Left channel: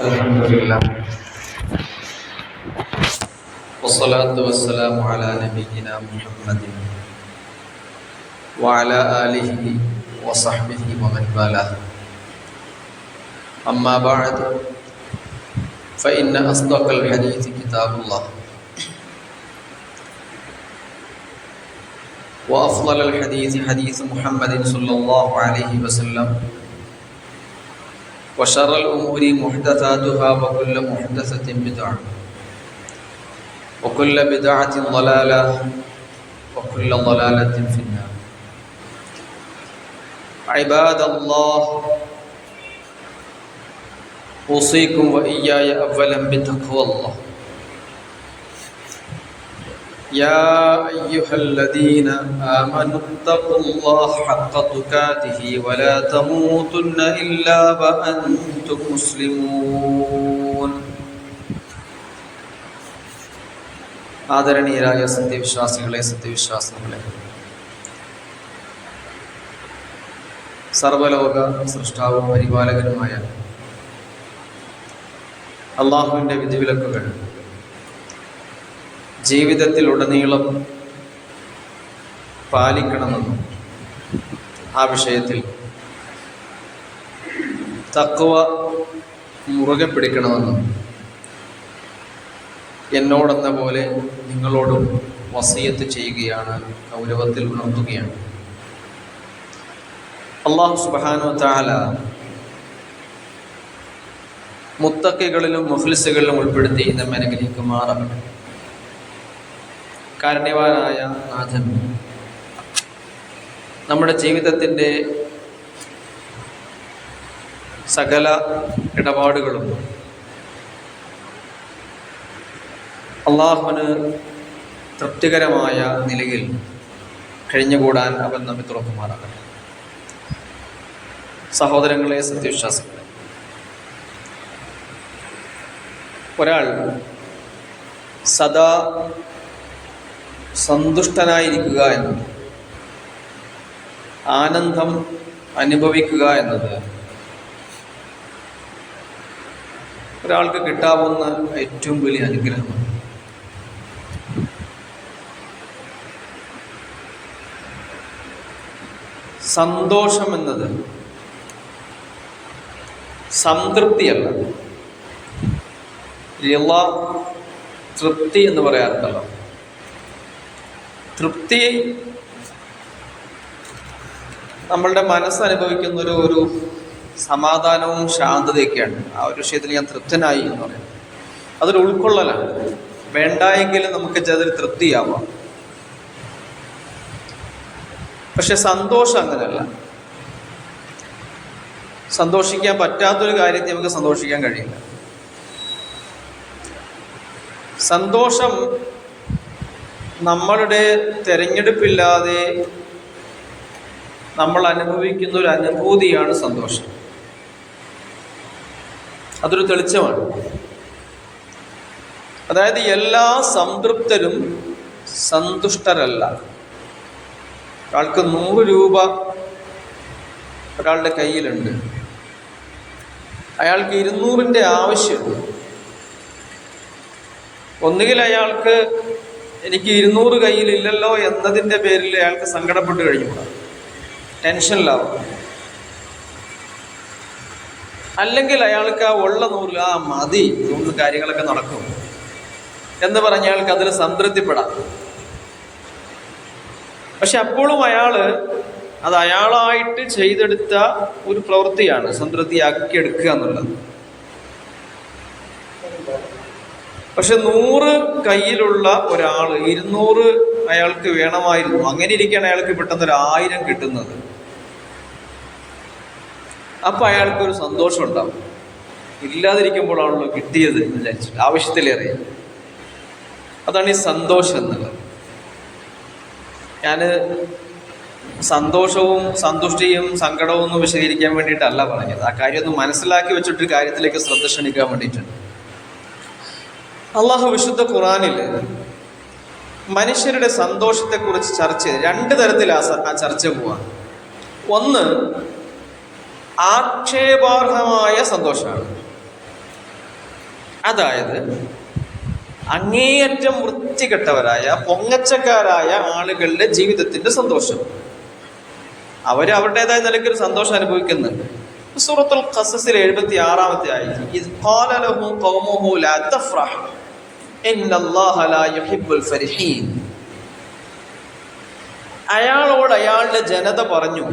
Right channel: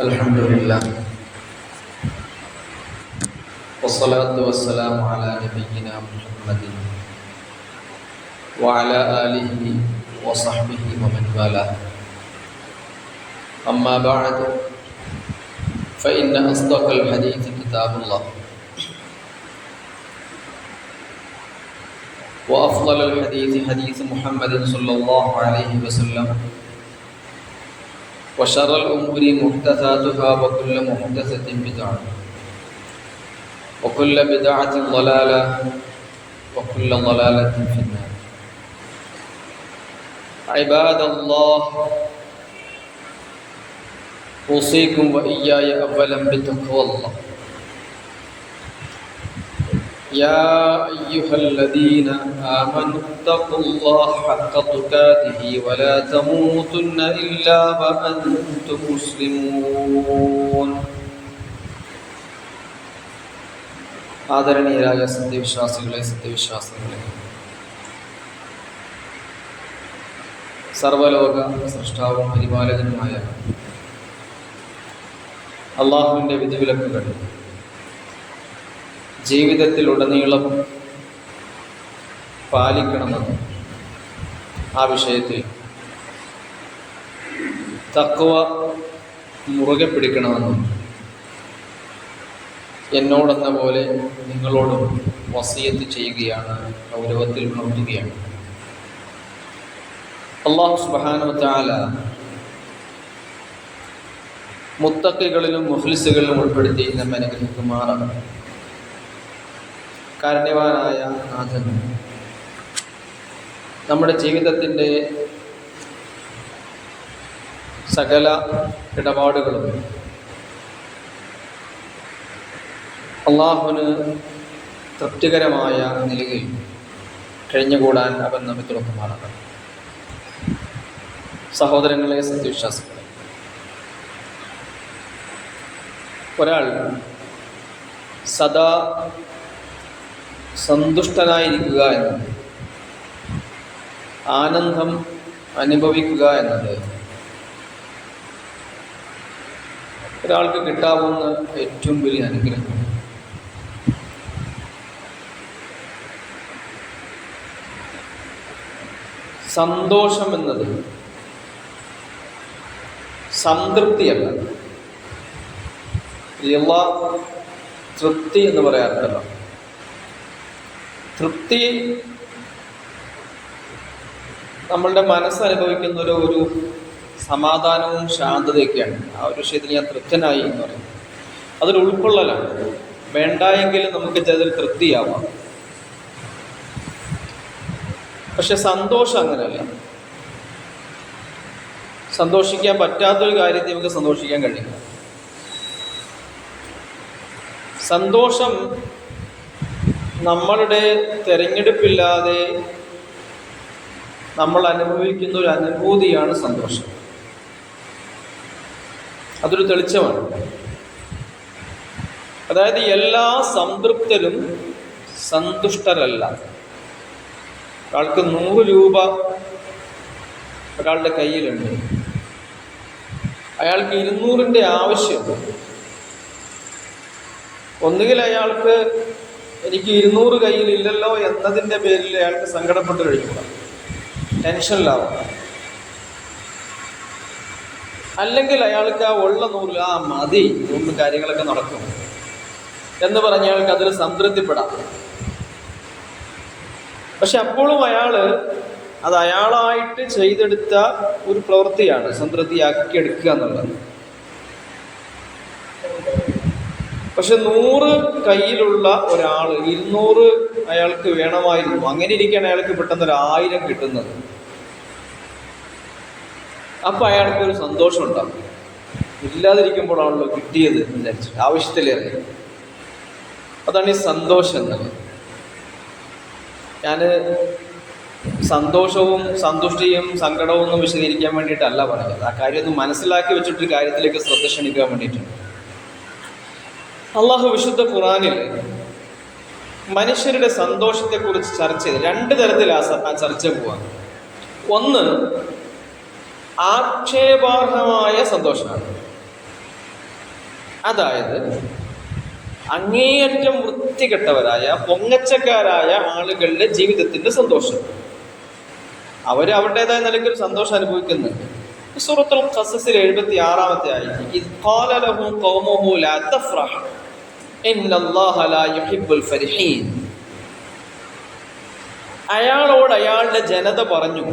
الحمد لله والصلاة والسلام على نبينا محمد وعلى آله وصحبه ومن والاه أما بعد فإن أصدق الحديث كتاب الله وأفضل الحديث حديث محمد صلى الله عليه وسلم وشر الأمور محدثاتها وكل محدثة بدعة وكل بدعة ضلالة وكل ضلالة في النار. عباد الله، أوصيكم وإياي أولا بتقوى الله. يا أيها الذين آمنوا اتقوا الله حق تقاته ولا تموتن إلا وأنتم مسلمون. ആദരണീയരായ സത്യവിശ്വാസികളെ സർവലോക സൃഷ്ടാവും പരിപാലകനുമായ അള്ളാഹുവിൻ്റെ വിധിവിലക്കുകൾ ജീവിതത്തിലുടനീളം പാലിക്കണമെന്നും ആ വിഷയത്തിൽ തഖ്വ മുറുകെ പിടിക്കണമെന്നും എന്നോടെന്ന പോലെ നിങ്ങളോടും വസിയത്ത് ചെയ്യുകയാണ്, ഗൗരവത്തിൽ ഉണർത്തുകയാണ്. അല്ലാഹു സുബ്ഹാനഹു വ തആല മുത്തഖികളിലും മുഖ്ലിസുകളിലും ഉൾപ്പെടുത്തി നമ്മെ അനുഗ്രഹിക്കുമാറാകട്ടെ. കാരുണ്യവാനായ നാഥൻ നമ്മുടെ ജീവിതത്തിൻ്റെ സകല ഇടപാടുകളും അള്ളാഹുവിന് തൃപ്തികരമായ നിലയിൽ കഴിഞ്ഞുകൂടാൻ അവൻ നമ്മെ തുറക്കുമാറാകട്ടെ. സഹോദരങ്ങളെ, സത്യവിശ്വാസികളെ, ഒരാൾ സദാ സന്തുഷ്ടനായിരിക്കുക എന്നത്, ആനന്ദം അനുഭവിക്കുക എന്നത് ഒരാൾക്ക് കിട്ടാവുന്ന ഏറ്റവും വലിയ അനുഗ്രഹമാണ്. സന്തോഷം എന്നത് സംതൃപ്തിയല്ല, തൃപ്തി എന്ന് പറയാറുണ്ടല്ലോ. തൃപ്തി നമ്മളുടെ മനസ്സനുഭവിക്കുന്ന ഒരു സമാധാനവും ശാന്തതയൊക്കെയാണ്. ആ ഒരു വിഷയത്തിൽ ഞാൻ തൃപ്തനായി എന്ന് പറയുന്നത് അതൊരു ഉൾക്കൊള്ളലാണ്. വേണ്ടായെങ്കിലും നമുക്ക് അതിൽ തൃപ്തിയാവാം. പക്ഷെ സന്തോഷം അങ്ങനെയല്ല. സന്തോഷിക്കാൻ പറ്റാത്തൊരു കാര്യത്തിൽ നമുക്ക് സന്തോഷിക്കാൻ കഴിയില്ല. സന്തോഷം നമ്മളുടെ തിരഞ്ഞെടുപ്പില്ലാതെ നമ്മൾ അനുഭവിക്കുന്ന ഒരു അനുഭൂതിയാണ് സന്തോഷം. അതൊരു തെളിച്ചമാണ്. അതായത് എല്ലാ സംതൃപ്തരും സന്തുഷ്ടരല്ല. ഒരാൾക്ക് 100 രൂപ ഒരാളുടെ കയ്യിലുണ്ട്, അയാൾക്ക് 200ൻ്റെ ആവശ്യമുണ്ട്. ഒന്നുകിൽ അയാൾക്ക് എനിക്ക് 200 കയ്യിലില്ലല്ലോ എന്നതിൻ്റെ പേരിൽ അയാൾക്ക് സങ്കടപ്പെട്ട് കഴിഞ്ഞുകൂടാ, ടെൻഷനിലാവും. അല്ലെങ്കിൽ അയാൾക്ക് ആ ഉള്ള 100 മതി, ഇതൊന്നും കാര്യങ്ങളൊക്കെ നടക്കും എന്ന് പറഞ്ഞ അയാൾക്ക് അതിൽ സംതൃപ്തിപ്പെടാം. പക്ഷെ അപ്പോഴും അത് അയാളായിട്ട് ചെയ്തെടുത്ത ഒരു പ്രവൃത്തിയാണ് സംതൃപ്തിയാക്കിയെടുക്കുക എന്നുള്ളത്. പക്ഷെ 100 കയ്യിലുള്ള ഒരാൾ 200 അയാൾക്ക് വേണമായിരുന്നു. അങ്ങനെ ഇരിക്കാൻ അയാൾക്ക് പെട്ടെന്ന് 1000 കിട്ടുന്നത്. അപ്പം അയാൾക്കൊരു സന്തോഷം ഉണ്ടാവും. ഇല്ലാതിരിക്കുമ്പോഴാണല്ലോ കിട്ടിയത് എന്ന് വിചാരിച്ചിട്ട് ആവശ്യത്തിലേറെ. അതാണ് ഈ സന്തോഷം എന്നുള്ളത്. ഞാൻ സന്തോഷവും സന്തുഷ്ടിയും സങ്കടവും ഒന്നും വിശദീകരിക്കാൻ വേണ്ടിയിട്ടല്ല പറഞ്ഞത്. ആ കാര്യം ഒന്ന് മനസ്സിലാക്കി വെച്ചിട്ട് കാര്യത്തിലേക്ക് ശ്രദ്ധ ക്ഷണിക്കാൻ വേണ്ടിയിട്ടുണ്ട്. അള്ളാഹു വിശുദ്ധ ഖുർആനിൽ മനുഷ്യരുടെ സന്തോഷത്തെക്കുറിച്ച് ചർച്ച ചെയ്ത് 2 തരത്തിൽ ആ ചർച്ച പോവാം. ഒന്ന് ആക്ഷേപാർഹമായ സന്തോഷമാണ്, അതായത് അങ്ങേയറ്റം വൃത്തികെട്ടവരായ പൊങ്ങച്ചക്കാരായ ആളുകളുടെ ജീവിതത്തിന്റെ സന്തോഷം. അവരുടേതായ നിലയ്ക്കൊരു സന്തോഷം അനുഭവിക്കുന്നത്. സൂറത്തുൽ ഖസസിൽ 76-ാമത്തെ ആയത്ത്, ഇദ് ഖാല ലഹു ഖൗമുഹു ലാ തഫ്റഹ് ഇന്നല്ലാഹ ലാ യുഹിബ്ബുൽ ഫരിഹീൻ. അയാളോട് അയാളുടെ ജനത പറഞ്ഞു.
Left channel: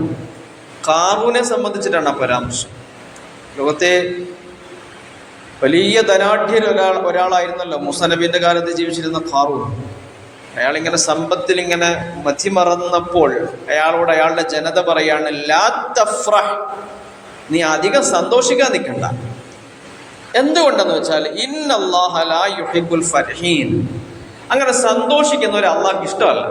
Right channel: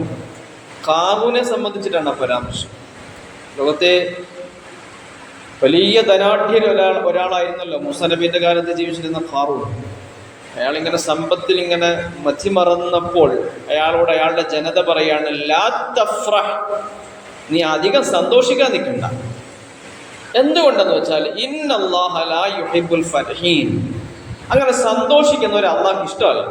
ഖാറൂനെ സംബന്ധിച്ചിട്ടാണ് പരാമർശം. ലോകത്തെ വലിയ ധനാഢ്യൻ ഒരാളായിരുന്നല്ലോ മൂസാ നബിയുടെ കാലത്ത് ജീവിച്ചിരുന്ന ഖാറൂൻ. അയാളിങ്ങനെ സമ്പത്തിൽ ഇങ്ങനെ മതിമറന്നപ്പോൾ അയാളോട് അയാളുടെ ജനത പറയാണ്, ലാ തഫ്റഹ്, നീ അധികം സന്തോഷിക്കാൻ നിൽക്കണ്ട. എന്തുകൊണ്ടെന്ന് വെച്ചാൽ ഇന്നല്ലാഹ ലാ യുഹിബ്ബുൽ ഫരിഹീൻ, അങ്ങനെ സന്തോഷിക്കുന്നവരെ അള്ളാഹ്ക്ക് ഇഷ്ടമല്ല.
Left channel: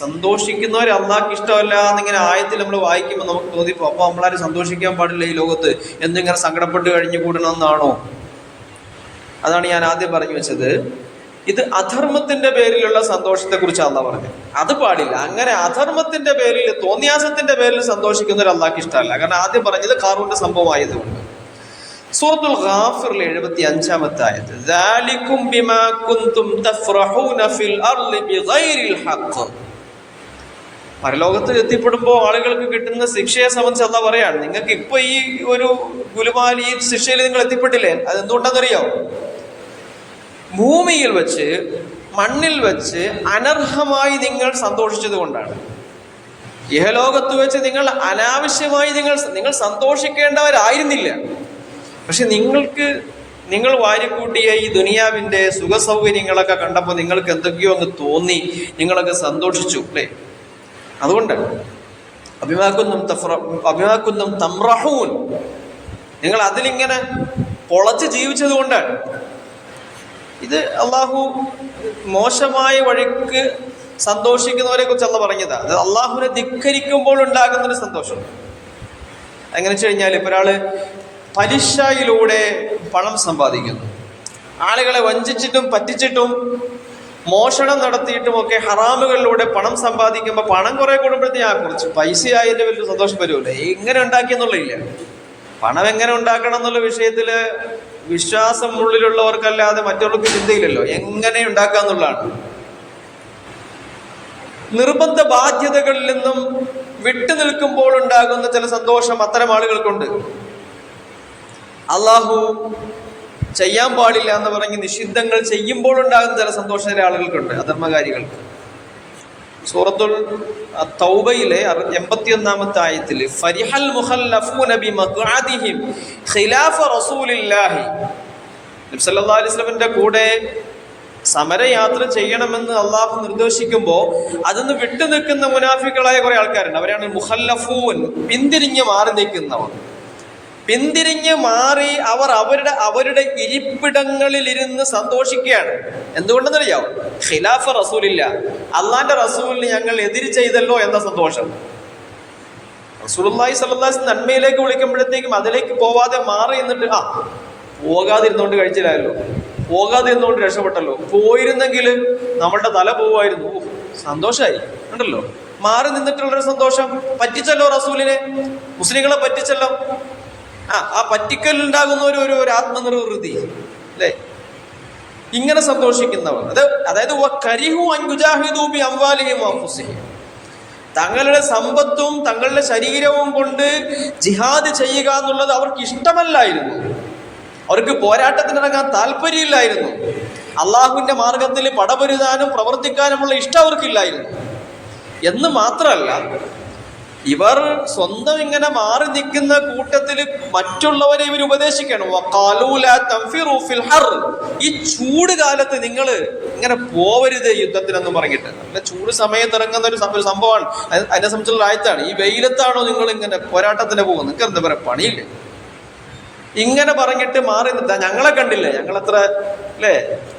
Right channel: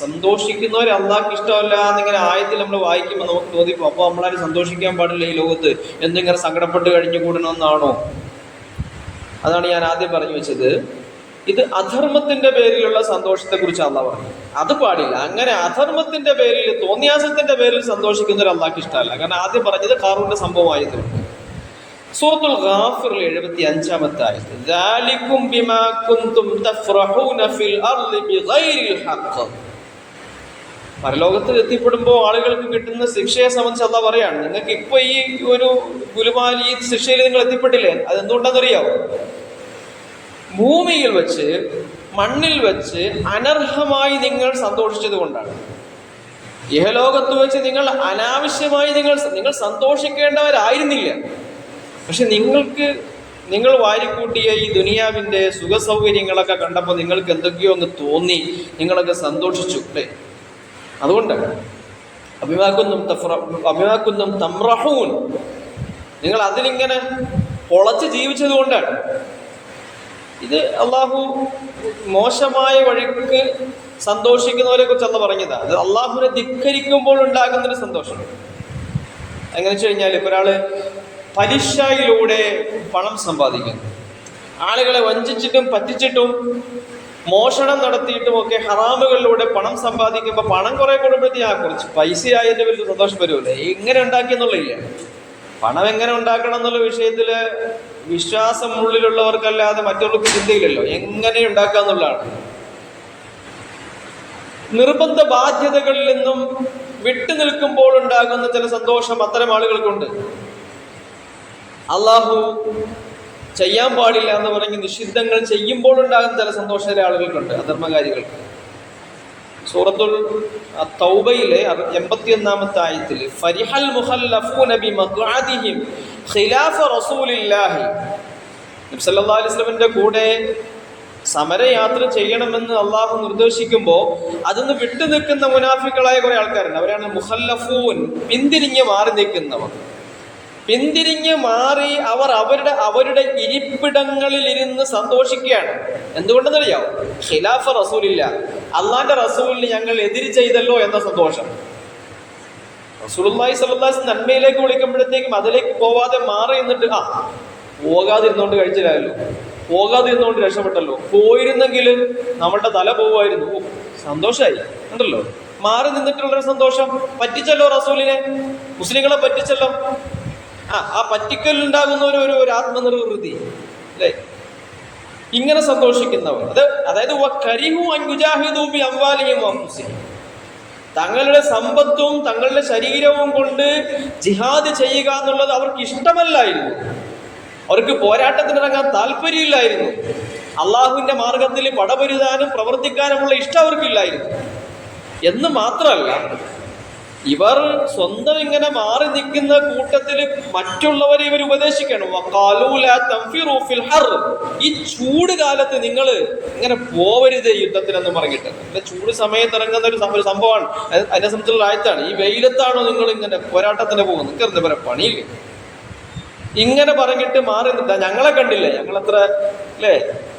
സന്തോഷിക്കുന്നവരെ അള്ളാഹ്ക്ക് ഇഷ്ടമല്ല എന്നിങ്ങനെ ആയത്തിൽ നമ്മൾ വായിക്കുമ്പോൾ നമുക്ക് തോന്നിപ്പോ അപ്പോൾ നമ്മളാരും സന്തോഷിക്കാൻ പാടില്ല ഈ ലോകത്ത്, എന്നിങ്ങനെ സങ്കടപ്പെട്ട് കഴിഞ്ഞു കൂടണമെന്നാണോ? അതാണ് ഞാൻ ആദ്യം പറഞ്ഞു വെച്ചത്. ഇത് അധർമ്മത്തിന്റെ പേരിലുള്ള സന്തോഷത്തെ കുറിച്ച് അള്ളാഹ് പറഞ്ഞു. അത് പാടില്ല. അങ്ങനെ അധർമ്മത്തിന്റെ പേരിൽ, തോന്നിയാസത്തിന്റെ പേരിൽ സന്തോഷിക്കുന്നവർ അള്ളാഹ്ക്ക് ഇഷ്ടമല്ല. കാരണം ആദ്യം പറഞ്ഞത് ഖാറൂന്റെ സംഭവമായതുകൊണ്ട്. സൂറത്തുൽ ഗാഫിറിൽ 75-ാമത്തെ ആയത്ത്, ദാലികും ബിമാ കുൻതും തഫ്റഹൂന ഫിൽ അർളി ബിഗൈരിൽ ഹഖ്. പരലോകത്ത് എത്തിപ്പെടുമ്പോൾ ആളുകൾക്ക് കിട്ടുന്ന ശിക്ഷയെ സംബന്ധിച്ച് അള്ളാഹ് പറയാണ്, നിങ്ങൾക്ക് ഇപ്പൊ ഈ ഒരു ഗുലുമാൽ ഈ ശിക്ഷയിൽ നിങ്ങൾ എത്തിപ്പെട്ടില്ലേ, അതെന്തുകൊണ്ടാണെന്നറിയാവോ? ഭൂമിയിൽ വെച്ച്, മണ്ണിൽ വെച്ച് അനർഹമായി നിങ്ങൾ സന്തോഷിച്ചത് കൊണ്ടാണ്. ഇഹലോകത്ത് വെച്ച് നിങ്ങൾ അനാവശ്യമായി നിങ്ങൾ സന്തോഷിക്കേണ്ടവരായിരുന്നില്ല. പക്ഷെ നിങ്ങൾ വാരിക്കൂട്ടിയ ഈ ദുനിയാവിന്റെ സുഖ സൗകര്യങ്ങളൊക്കെ കണ്ടപ്പോൾ നിങ്ങൾക്ക് എന്തൊക്കെയോ അങ്ങ് തോന്നി, നിങ്ങളൊക്കെ സന്തോഷിച്ചു അല്ലേ? അതുകൊണ്ടാണ് അഭിമാക്കുന്നതും തംറഹൂൻ, നിങ്ങൾ അതിലിങ്ങനെ പൊളച്ച് ജീവിച്ചത് കൊണ്ടാണ്. ഇത് അള്ളാഹു മോശമായ വഴിക്ക് സന്തോഷിക്കുന്നവരെ കുറിച്ച് അള്ളാഹ് പറഞ്ഞതാ. അത് അള്ളാഹുവിനെ ധിക്കരിക്കുമ്പോൾ ഉണ്ടാകുന്നൊരു സന്തോഷം. എങ്ങനെ വെച്ച് കഴിഞ്ഞാൽ, ഇപ്പൊ ഒരാള് പലിശയിലൂടെ പണം സമ്പാദിക്കുന്നു, ആളുകളെ വഞ്ചിച്ചിട്ടും പറ്റിച്ചിട്ടും മോഷണം നടത്തിയിട്ടും ഒക്കെ ഹറാമുകളിലൂടെ പണം സമ്പാദിക്കുമ്പോൾ പണം കുറെ കൂടുമ്പോഴത്തേക്ക് കുറച്ച് പൈസയായതിന്റെ വലിയ സന്തോഷം വരുമല്ലേ? എങ്ങനെ ഉണ്ടാക്കിയെന്നുള്ളില്ല. പണം എങ്ങനെ ഉണ്ടാക്കണം എന്നുള്ള വിഷയത്തില് വിശ്വാസം ഉള്ളിലുള്ളവർക്കല്ലാതെ മറ്റുള്ളവർക്ക് ചിന്തയില്ലല്ലോ. എങ്ങനെ ഉണ്ടാക്കാന്നുള്ളതാണ്. നിർബന്ധ ബാധ്യതകളിൽ നിന്നും വിട്ടുനിൽക്കുമ്പോൾ ഉണ്ടാകുന്ന ചില സന്തോഷം അത്തരം ആളുകൾക്കുണ്ട്. അള്ളാഹു ചെയ്യാൻ പാടില്ല എന്ന് പറഞ്ഞ് നിഷിദ്ധങ്ങൾ ചെയ്യുമ്പോൾ ഉണ്ടാകുന്ന ചില സന്തോഷം ചില ആളുകൾക്കുണ്ട്, അധർമ്മകാരികൾക്ക്. സൂറത്തുൽ തൗബയിലെ 81-ാമത്തെ ആയത്തിൽ, ഫരിഹൽ മുഖല്ലഫൂന ബിമഖ്അദിഹിം ഖിലാഫ റസൂലില്ലാഹി, നബി സല്ലല്ലാഹു അലൈഹി വസല്ലമിന്റെ കൂടെ സമരയാത്ര ചെയ്യണമെന്ന് അള്ളാഹു നിർദ്ദേശിക്കുമ്പോൾ അതിന്ന് വിട്ടു നിൽക്കുന്ന മുനാഫികളായ കുറെ ആൾക്കാരുണ്ട്. അവരാണ് മുഖല്ലഫൂൻ, പിന്തിരിഞ്ഞ് മാറി നിൽക്കുന്നവർ. പിന്തിരിഞ്ഞ് മാറി അവരുടെ ഇരിപ്പിടങ്ങളിൽ ഇരുന്ന് സന്തോഷിക്കുകയാണ്. എന്തുകൊണ്ടെന്നറിയാവും? ഖിലാഫ റസൂലില്ല, അള്ളാന്റെ റസൂലിന് ഞങ്ങൾ എതിര് ചെയ്തല്ലോ എന്ന സന്തോഷം. റസൂലുള്ളാഹി സ്വല്ലല്ലാഹു അലൈഹി വസല്ലം നന്മയിലേക്ക് വിളിക്കുമ്പോഴത്തേക്കും അതിലേക്ക് പോവാതെ മാറി നിന്നിട്ട് പോകാതിരുന്നോണ്ട് കഴിച്ചില്ലല്ലോ, പോകാതിരുന്നോണ്ട് രക്ഷപ്പെട്ടല്ലോ, പോയിരുന്നെങ്കിൽ നമ്മളുടെ തല പോവായിരുന്നു, സന്തോഷായി ഉണ്ടല്ലോ. മാറി നിന്നിട്ടുള്ളൊരു സന്തോഷം. പറ്റിച്ചല്ലോ റസൂലിനെ, മുസ്ലിങ്ങളെ പറ്റിച്ചല്ലോ. ആ പറ്റിക്കലുണ്ടാകുന്ന ഒരു ആത്മനിർവൃതി അല്ലേ? ഇങ്ങനെ സന്തോഷിക്കുന്നവർ, അതായത് തങ്ങളുടെ സമ്പത്തും തങ്ങളുടെ ശരീരവും കൊണ്ട് ജിഹാദ് ചെയ്യുക എന്നുള്ളത് അവർക്ക് ഇഷ്ടമല്ലായിരുന്നു. അവർക്ക് പോരാട്ടത്തിനിറങ്ങാൻ താല്പര്യമില്ലായിരുന്നു. അള്ളാഹുവിന്റെ മാർഗത്തിൽ പടപൊരുതാനും പ്രവർത്തിക്കാനുമുള്ള ഇഷ്ടം അവർക്കില്ലായിരുന്നു. എന്ന് മാത്രമല്ല, ഇവർ സ്വന്തം ഇങ്ങനെ മാറി നിൽക്കുന്ന കൂട്ടത്തിൽ മറ്റുള്ളവരെ ഇവർ ഉപദേശിക്കണം. ഈ ചൂട് കാലത്ത് നിങ്ങൾ ഇങ്ങനെ പോവരുത് യുദ്ധത്തിനെന്ന് പറഞ്ഞിട്ട്. നല്ല ചൂട് സമയത്ത് ഇറങ്ങുന്ന ഒരു സംഭവമാണ്. അതിനെ സംബന്ധിച്ചുള്ള ആയത്താണ്. ഈ വെയിലത്താണോ നിങ്ങൾ ഇങ്ങനെ പോരാട്ടത്തിന് പോകുന്നത്? നിങ്ങൾക്ക് എന്താ പറയുക, പണിയില്ല. ഇങ്ങനെ പറഞ്ഞിട്ട് മാറി നിൽത്താ. ഞങ്ങളെ കണ്ടില്ലേ, ഞങ്ങളെത്ര അല്ലേ,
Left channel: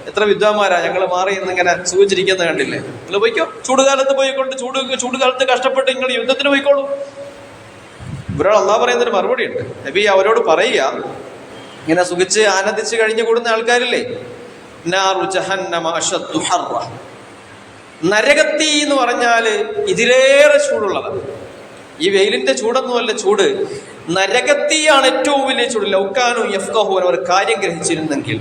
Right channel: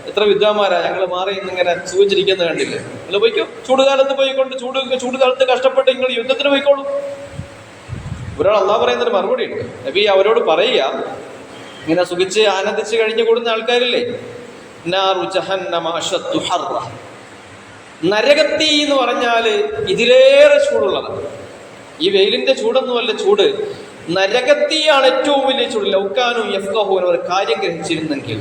എത്ര വിദ്വാന്മാരാ, ഞങ്ങൾ മാറി ഇന്നിങ്ങനെ സൂചിച്ചിരിക്കുന്നത് കണ്ടില്ലേ? നിങ്ങൾ പോയിക്കോ, ചൂടുകാലത്ത് പോയിക്കൊണ്ട് ചൂടുകാലത്ത് കഷ്ടപ്പെട്ട് നിങ്ങൾ യുദ്ധത്തിന് പോയിക്കോളൂ. ഇവരോട് അള്ളാഹ് പറയുന്നൊരു മറുപടി ഉണ്ട്. നബി അവരോട് പറയുക, ഇങ്ങനെ സുഖിച്ച് ആനന്ദിച്ച് കഴിഞ്ഞു കൂടുന്ന ആൾക്കാരില്ലേ, നരകത്തി എന്ന് പറഞ്ഞാല് ഇതിലേറെ ചൂടുള്ളതാണ്. ഈ വെയിലിന്റെ ചൂടൊന്നുമല്ല ചൂട്, നരകത്തിയാണ് ഏറ്റവും വലിയ ചൂട്. ലൗകാനു യഫ്ഖഹൂൻ, അവർ കാര്യം ഗ്രഹിച്ചിരുന്നെങ്കിൽ.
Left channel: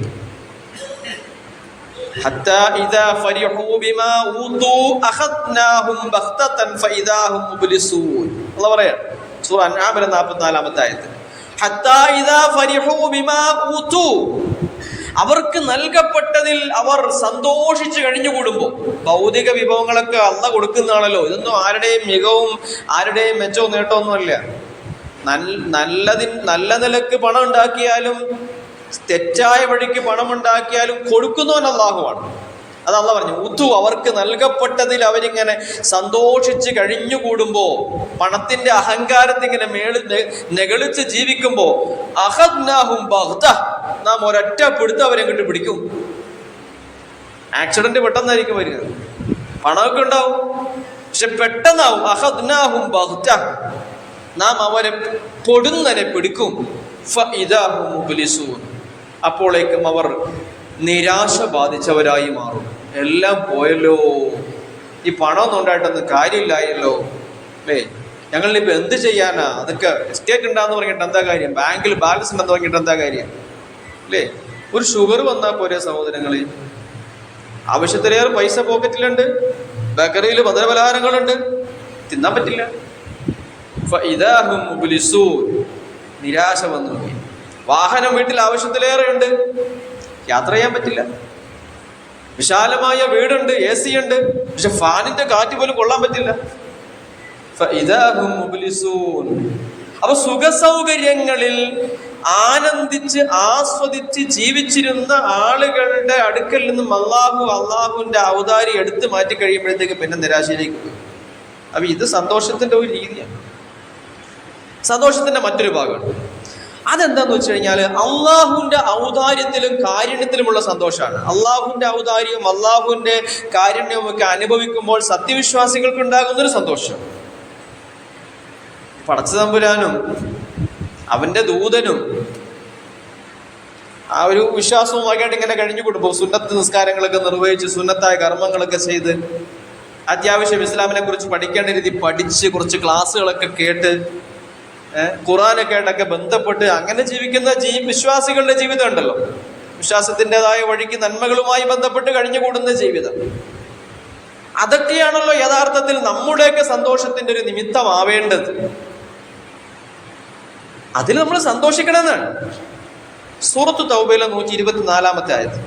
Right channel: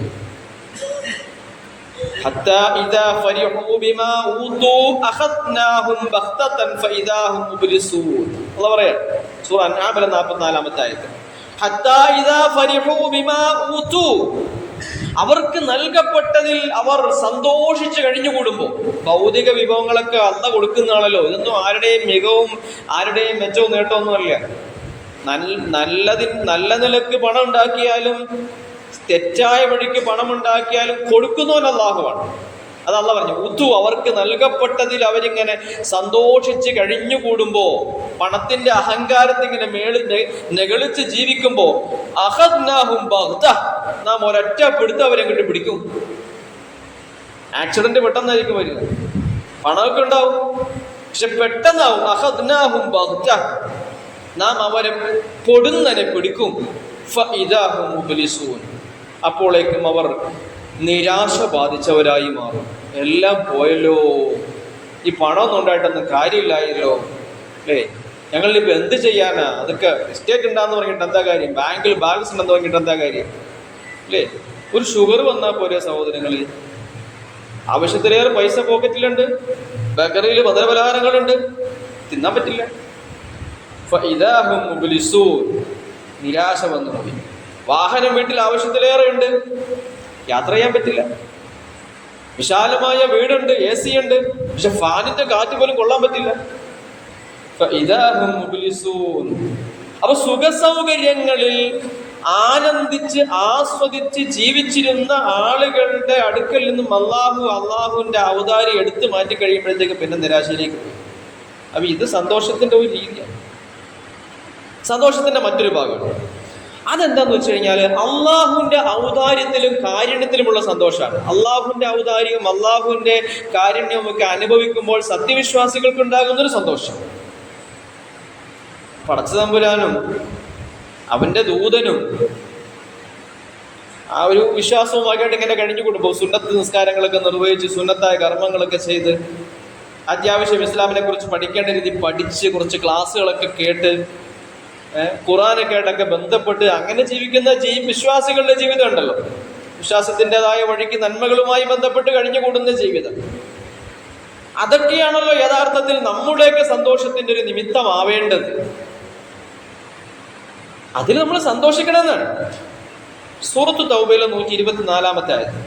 ഹത്താ ഇദാ ഫരിഹൂ ബിമാ ഊതു അഖദ്നാഹും ബഖ്തതൻ ഫഇദാ ഹും മുബ്ലിസൂൻ. അല്ലാഹു പറയാ സൂറ അൻആമിലെ 44-ാമത്തെ ആയത്ത്. ഹത്താ ഇദാ ഫരിഹൂ ബിമാ ഊതു, അവർക്ക് നൽകപ്പെട്ടതിൽ അവർ സന്തോഷിച്ച് കഴിഞ്ഞുകൂടുമ്പോൾ, ഭൗതിക വിഭവങ്ങളൊക്കെ അള്ളാഹ് കൊടുക്കുന്നതാണല്ലോ, ഇതൊന്നും ആരുടെയും മികവും ആരുടെയും മെച്ചവും നേട്ടമൊന്നും അല്ല. നല്ല നിലക്ക് പണം ഉണ്ടാക്കിയാലും തെറ്റായ വഴിക്ക് പണം ഉണ്ടാക്കിയാലും കൊടുക്കുന്നവൻ അള്ളാഹുവാണ്. അത് അള്ളാഹ് പറഞ്ഞു, ഉതു, അവർക്ക് നൽകപ്പെട്ടതിൽ അവരിങ്ങനെ സന്തോഷിച്ച് കഴിഞ്ഞുകൂടുമ്പോ, പണത്തിന്റെ അഹങ്കാരത്തെ ഇങ്ങനെ നെകളിച്ച് ജീവിക്കുമ്പോ, അഖദ്നാഹും ബഗ്ത, നാം ഒരൊറ്റ പിടുത്തം അവരെങ്ങോട്ട് പിടിക്കും. ആക്സിഡന്റ് പെട്ടെന്നായിരിക്കും വരിക, പണമൊക്കെ ഉണ്ടാവും, പക്ഷെ പെട്ടെന്നാവും. അഖദ്നാഹും ബഗ്ത, നാം അവരെ പൊടുന്നനെ പിടിക്കും. ഫഇദാ ഹും മുബ്ലിസൂൻ, അപ്പോഴേക്കും അവർ നിരാശ ബാധിച്ചവരായി മാറും. എല്ലാം പോയല്ലോ, ഈ പണമൊന്നും ഉണ്ടായിട്ടൊന്നും കാര്യമില്ലായല്ലോ, അല്ലേ, ഞങ്ങളിപ്പോൾ എന്ത് ചെയ്യാനാ, അതൊക്കെ എസ്റ്റേറ്റ് ഉണ്ടാന്ന് പറഞ്ഞിട്ട് എന്താ കാര്യം, ബാങ്കിൽ ബാലൻസ് ഉണ്ടെന്ന് പറഞ്ഞിട്ട് എന്താ കാര്യം, അല്ലേ. ഒരു ഷുഗർ വന്നാൽ പോരെ സഹോദരങ്ങളെ, ആവശ്യത്തിലേറെ പൈസ പോക്കറ്റിലുണ്ട്, ബേക്കറിയിൽ മധുരപലഹാരങ്ങളുണ്ട്, തിന്നാൻ പറ്റില്ല. ഫഇദാ ഹും മുബ്ലിസൂൻ, നിരാശ വന്നുപോയി. വാഹനം വീട്ടിൽ ആവശ്യത്തിലേറെ ഉണ്ട്, യാത്ര ചെയ്യാൻ പറ്റില്ല. വിശാലമായ വീടുണ്ട്, AC ഉണ്ട്, പക്ഷെ ഫാനിന്റെ കാറ്റ് പോലും കൊള്ളാൻ പറ്റില്ല. ഫഇദാ ഹും മുബ്ലിസൂൻ. അപ്പൊ സുഖസൗകര്യങ്ങളിൽ ആനന്ദിച്ച് ആസ്വദിച്ച് ജീവിച്ചിരുന്ന ആളുകളുടെ അടുക്കൽ നിന്നും അള്ളാഹുവിന്റെ ഔദാര്യം എടുത്തു മാറ്റി കഴിയുമ്പോഴത്തേക്ക് പിന്നെ നിരാശയിലേക്ക് പോയി. അപ്പൊ ഇത് സന്തോഷത്തിന്റെ ഒരു രീതിയാണ്. സന്തോഷത്തിന്റെ മറ്റൊരു ഭാഗം അതെന്താന്ന് വെച്ച് കഴിഞ്ഞാൽ അള്ളാഹുവിന്റെ ഔദാര്യത്തിലും കാരുണ്യത്തിലുമുള്ള സന്തോഷമാണ്. അള്ളാഹുവിന്റെ ഔദാര്യവും അള്ളാഹുവിന്റെ കാരുണ്യവും ഒക്കെ അനുഭവിക്കുമ്പോൾ സത്യവിശ്വാസികൾക്ക് ഉണ്ടാകുന്നൊരു സന്തോഷം. പടച്ചതമ്പുരാനും അവന്റെ ദൂതനും ആ ഒരു വിശ്വാസവുമായിട്ട് ഇങ്ങനെ കഴിഞ്ഞുകൂടുമ്പോൾ സുന്നത്ത് നിസ്കാരങ്ങളൊക്കെ നിർവഹിച്ച് സുന്നത്തായ കർമ്മങ്ങളൊക്കെ ചെയ്ത് അത്യാവശ്യം ഇസ്ലാമിനെ കുറിച്ച് പഠിക്കേണ്ട രീതി പഠിച്ച് കുറച്ച് ക്ലാസ്സുകളൊക്കെ കേട്ട് ഖുർആനൊക്കെ ആയിട്ടൊക്കെ ബന്ധപ്പെട്ട് അങ്ങനെ ജീവിക്കുന്ന വിശ്വാസികളുടെ ജീവിതം ഉണ്ടല്ലോ, വിശ്വാസത്തിൻ്റെതായ വഴിക്ക് നന്മകളുമായി ബന്ധപ്പെട്ട് കഴിഞ്ഞുകൂടുന്ന ജീവിതം, അതൊക്കെയാണല്ലോ യഥാർത്ഥത്തിൽ നമ്മുടെയൊക്കെ സന്തോഷത്തിന്റെ ഒരു നിമിത്തമാവേണ്ടത്. അതിൽ നമ്മൾ സന്തോഷിക്കണമെന്നാണ്. സൂറത്തു തൗബയിലെ 124-ാമത്തെ ആയത്ത്,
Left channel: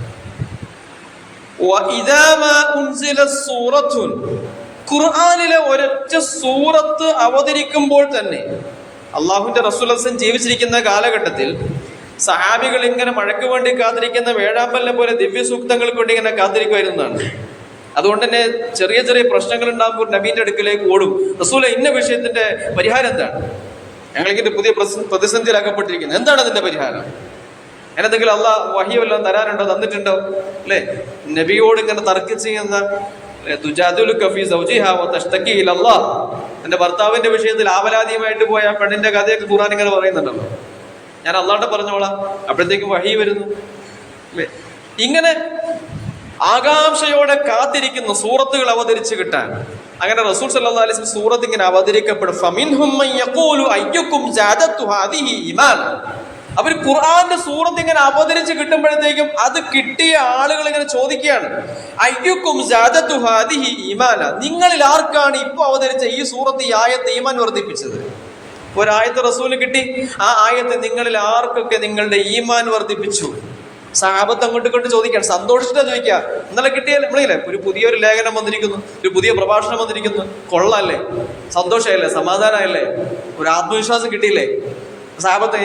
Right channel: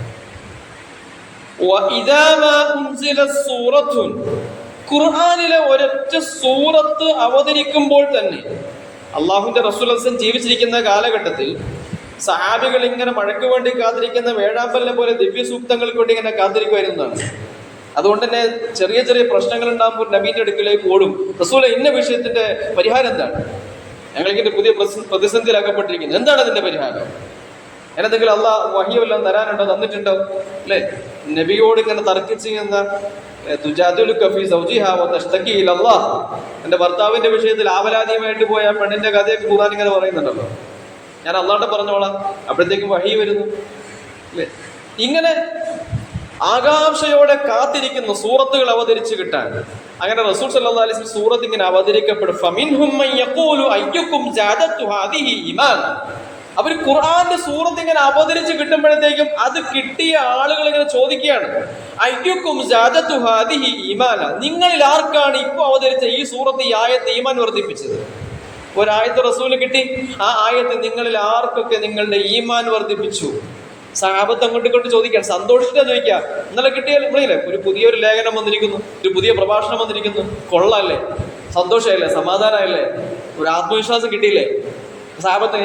ഖുർആനിലെ ഒരൊറ്റ സൂറത്ത് അവതരിക്കുമ്പോൾ തന്നെ, അള്ളാഹുവിന്റെ റസൂൽ ജീവിച്ചിരിക്കുന്ന കാലഘട്ടത്തിൽ സഹാബികൾ ഇങ്ങനെ മഴയ്ക്ക് വേണ്ടി കാത്തിരിക്കുന്ന വേഴാമ്പലിനെ പോലെ ദിവ്യ സൂക്തങ്ങൾക്ക് വേണ്ടി ഇങ്ങനെ കാത്തിരിക്കുമായിരുന്നതാണ്. അതുകൊണ്ട് തന്നെ ചെറിയ ചെറിയ പ്രശ്നങ്ങൾ ഉണ്ടാകുമ്പോൾ നബീന്റെ അടുക്കിലേക്ക് ഓടും, റസൂലെ ഇന്ന വിഷയത്തിന്റെ പരിഹാരം എന്താണ്, ഞങ്ങൾക്കിന്റെ പുതിയ പ്രതിസന്ധിയിലാക്കപ്പെട്ടിരിക്കുന്നത്, എന്താണ് അതിന്റെ പരിഹാരം, എന്തെങ്കിലും അള്ളാഹ് വഹി വല്ലതും തരാനുണ്ടോ, തന്നിട്ടുണ്ടോ, അല്ലെ. നബിയോട് ഇങ്ങനെ തർക്കിച്ചിരുന്ന എന്റെ ഭർത്താവിന്റെ വിഷയത്തിൽ ആവലാതിയുമായിട്ട് പോയ പെണ്ണിന്റെ കഥയൊക്കെ ഖുർആൻ ഇങ്ങനെ പറയുന്നുണ്ടല്ലോ, ഞാൻ അള്ളാഹുടെ പറഞ്ഞോളാം, അപ്പോഴത്തേക്ക് വഹി വരുന്നു. ഇങ്ങനെ ആകാംക്ഷയോടെ കാത്തിരിക്കുന്നു സൂറത്തുകൾ അവതരിച്ച് കിട്ടാൻ. അങ്ങനെ റസൂൽ സല്ലല്ലാഹു അലൈഹി വസല്ലം സൂറത്ത് ഇങ്ങനെ അവതരിക്കപ്പെടും. ഫമിൻഹും മൻ യഖൂലു അയ്യുക്കും സാദത്തു ഹാദിഹി ഈമാൻ. അവർ ഖുർആന്റെ സൂറത്ത് ഇങ്ങനെ അവതരിച്ച് കിട്ടുമ്പോഴത്തേക്കും അത് കിട്ടിയ ആളുകൾ ഇങ്ങനെ ചോദിക്കുകയാണ്, അയ്യുക്കും സാദത്തു ഹാദിഹി ഈമാന, നിങ്ങളിൽ ആർക്കാണ് ഇപ്പൊ അവതരിച്ച ഈ സൂറത്ത്, ഈ ആയത്ത് ഈമാൻ വർദ്ധിപ്പിച്ചത്. ഒരായത്ത് റസൂലിന് കിട്ടി, ആ ആയത്ത് നിങ്ങളിൽ ആർക്കൊക്കെ നിങ്ങളുടെ ഈമാൻ വർദ്ധിപ്പിച്ചു. സഹാബത്ത് അങ്ങോട്ട് കൊണ്ട് ചോദിക്കാൻ, സന്തോഷിച്ചിട്ടാ ചോദിക്കുക. ഇന്നലെ കിട്ടിയാൽ നമ്മളില്ലേ, ഒരു പുതിയൊരു ലേഖനം വന്നിരിക്കുന്നു, ഒരു പുതിയ പ്രഭാഷണം വന്നിരിക്കുന്നു, കൊള്ളാല്ലേ, സന്തോഷമായില്ലേ, സമാധാനമായില്ലേ, ഒരു ആത്മവിശ്വാസം കിട്ടിയില്ലേ. സഹാബത്ത്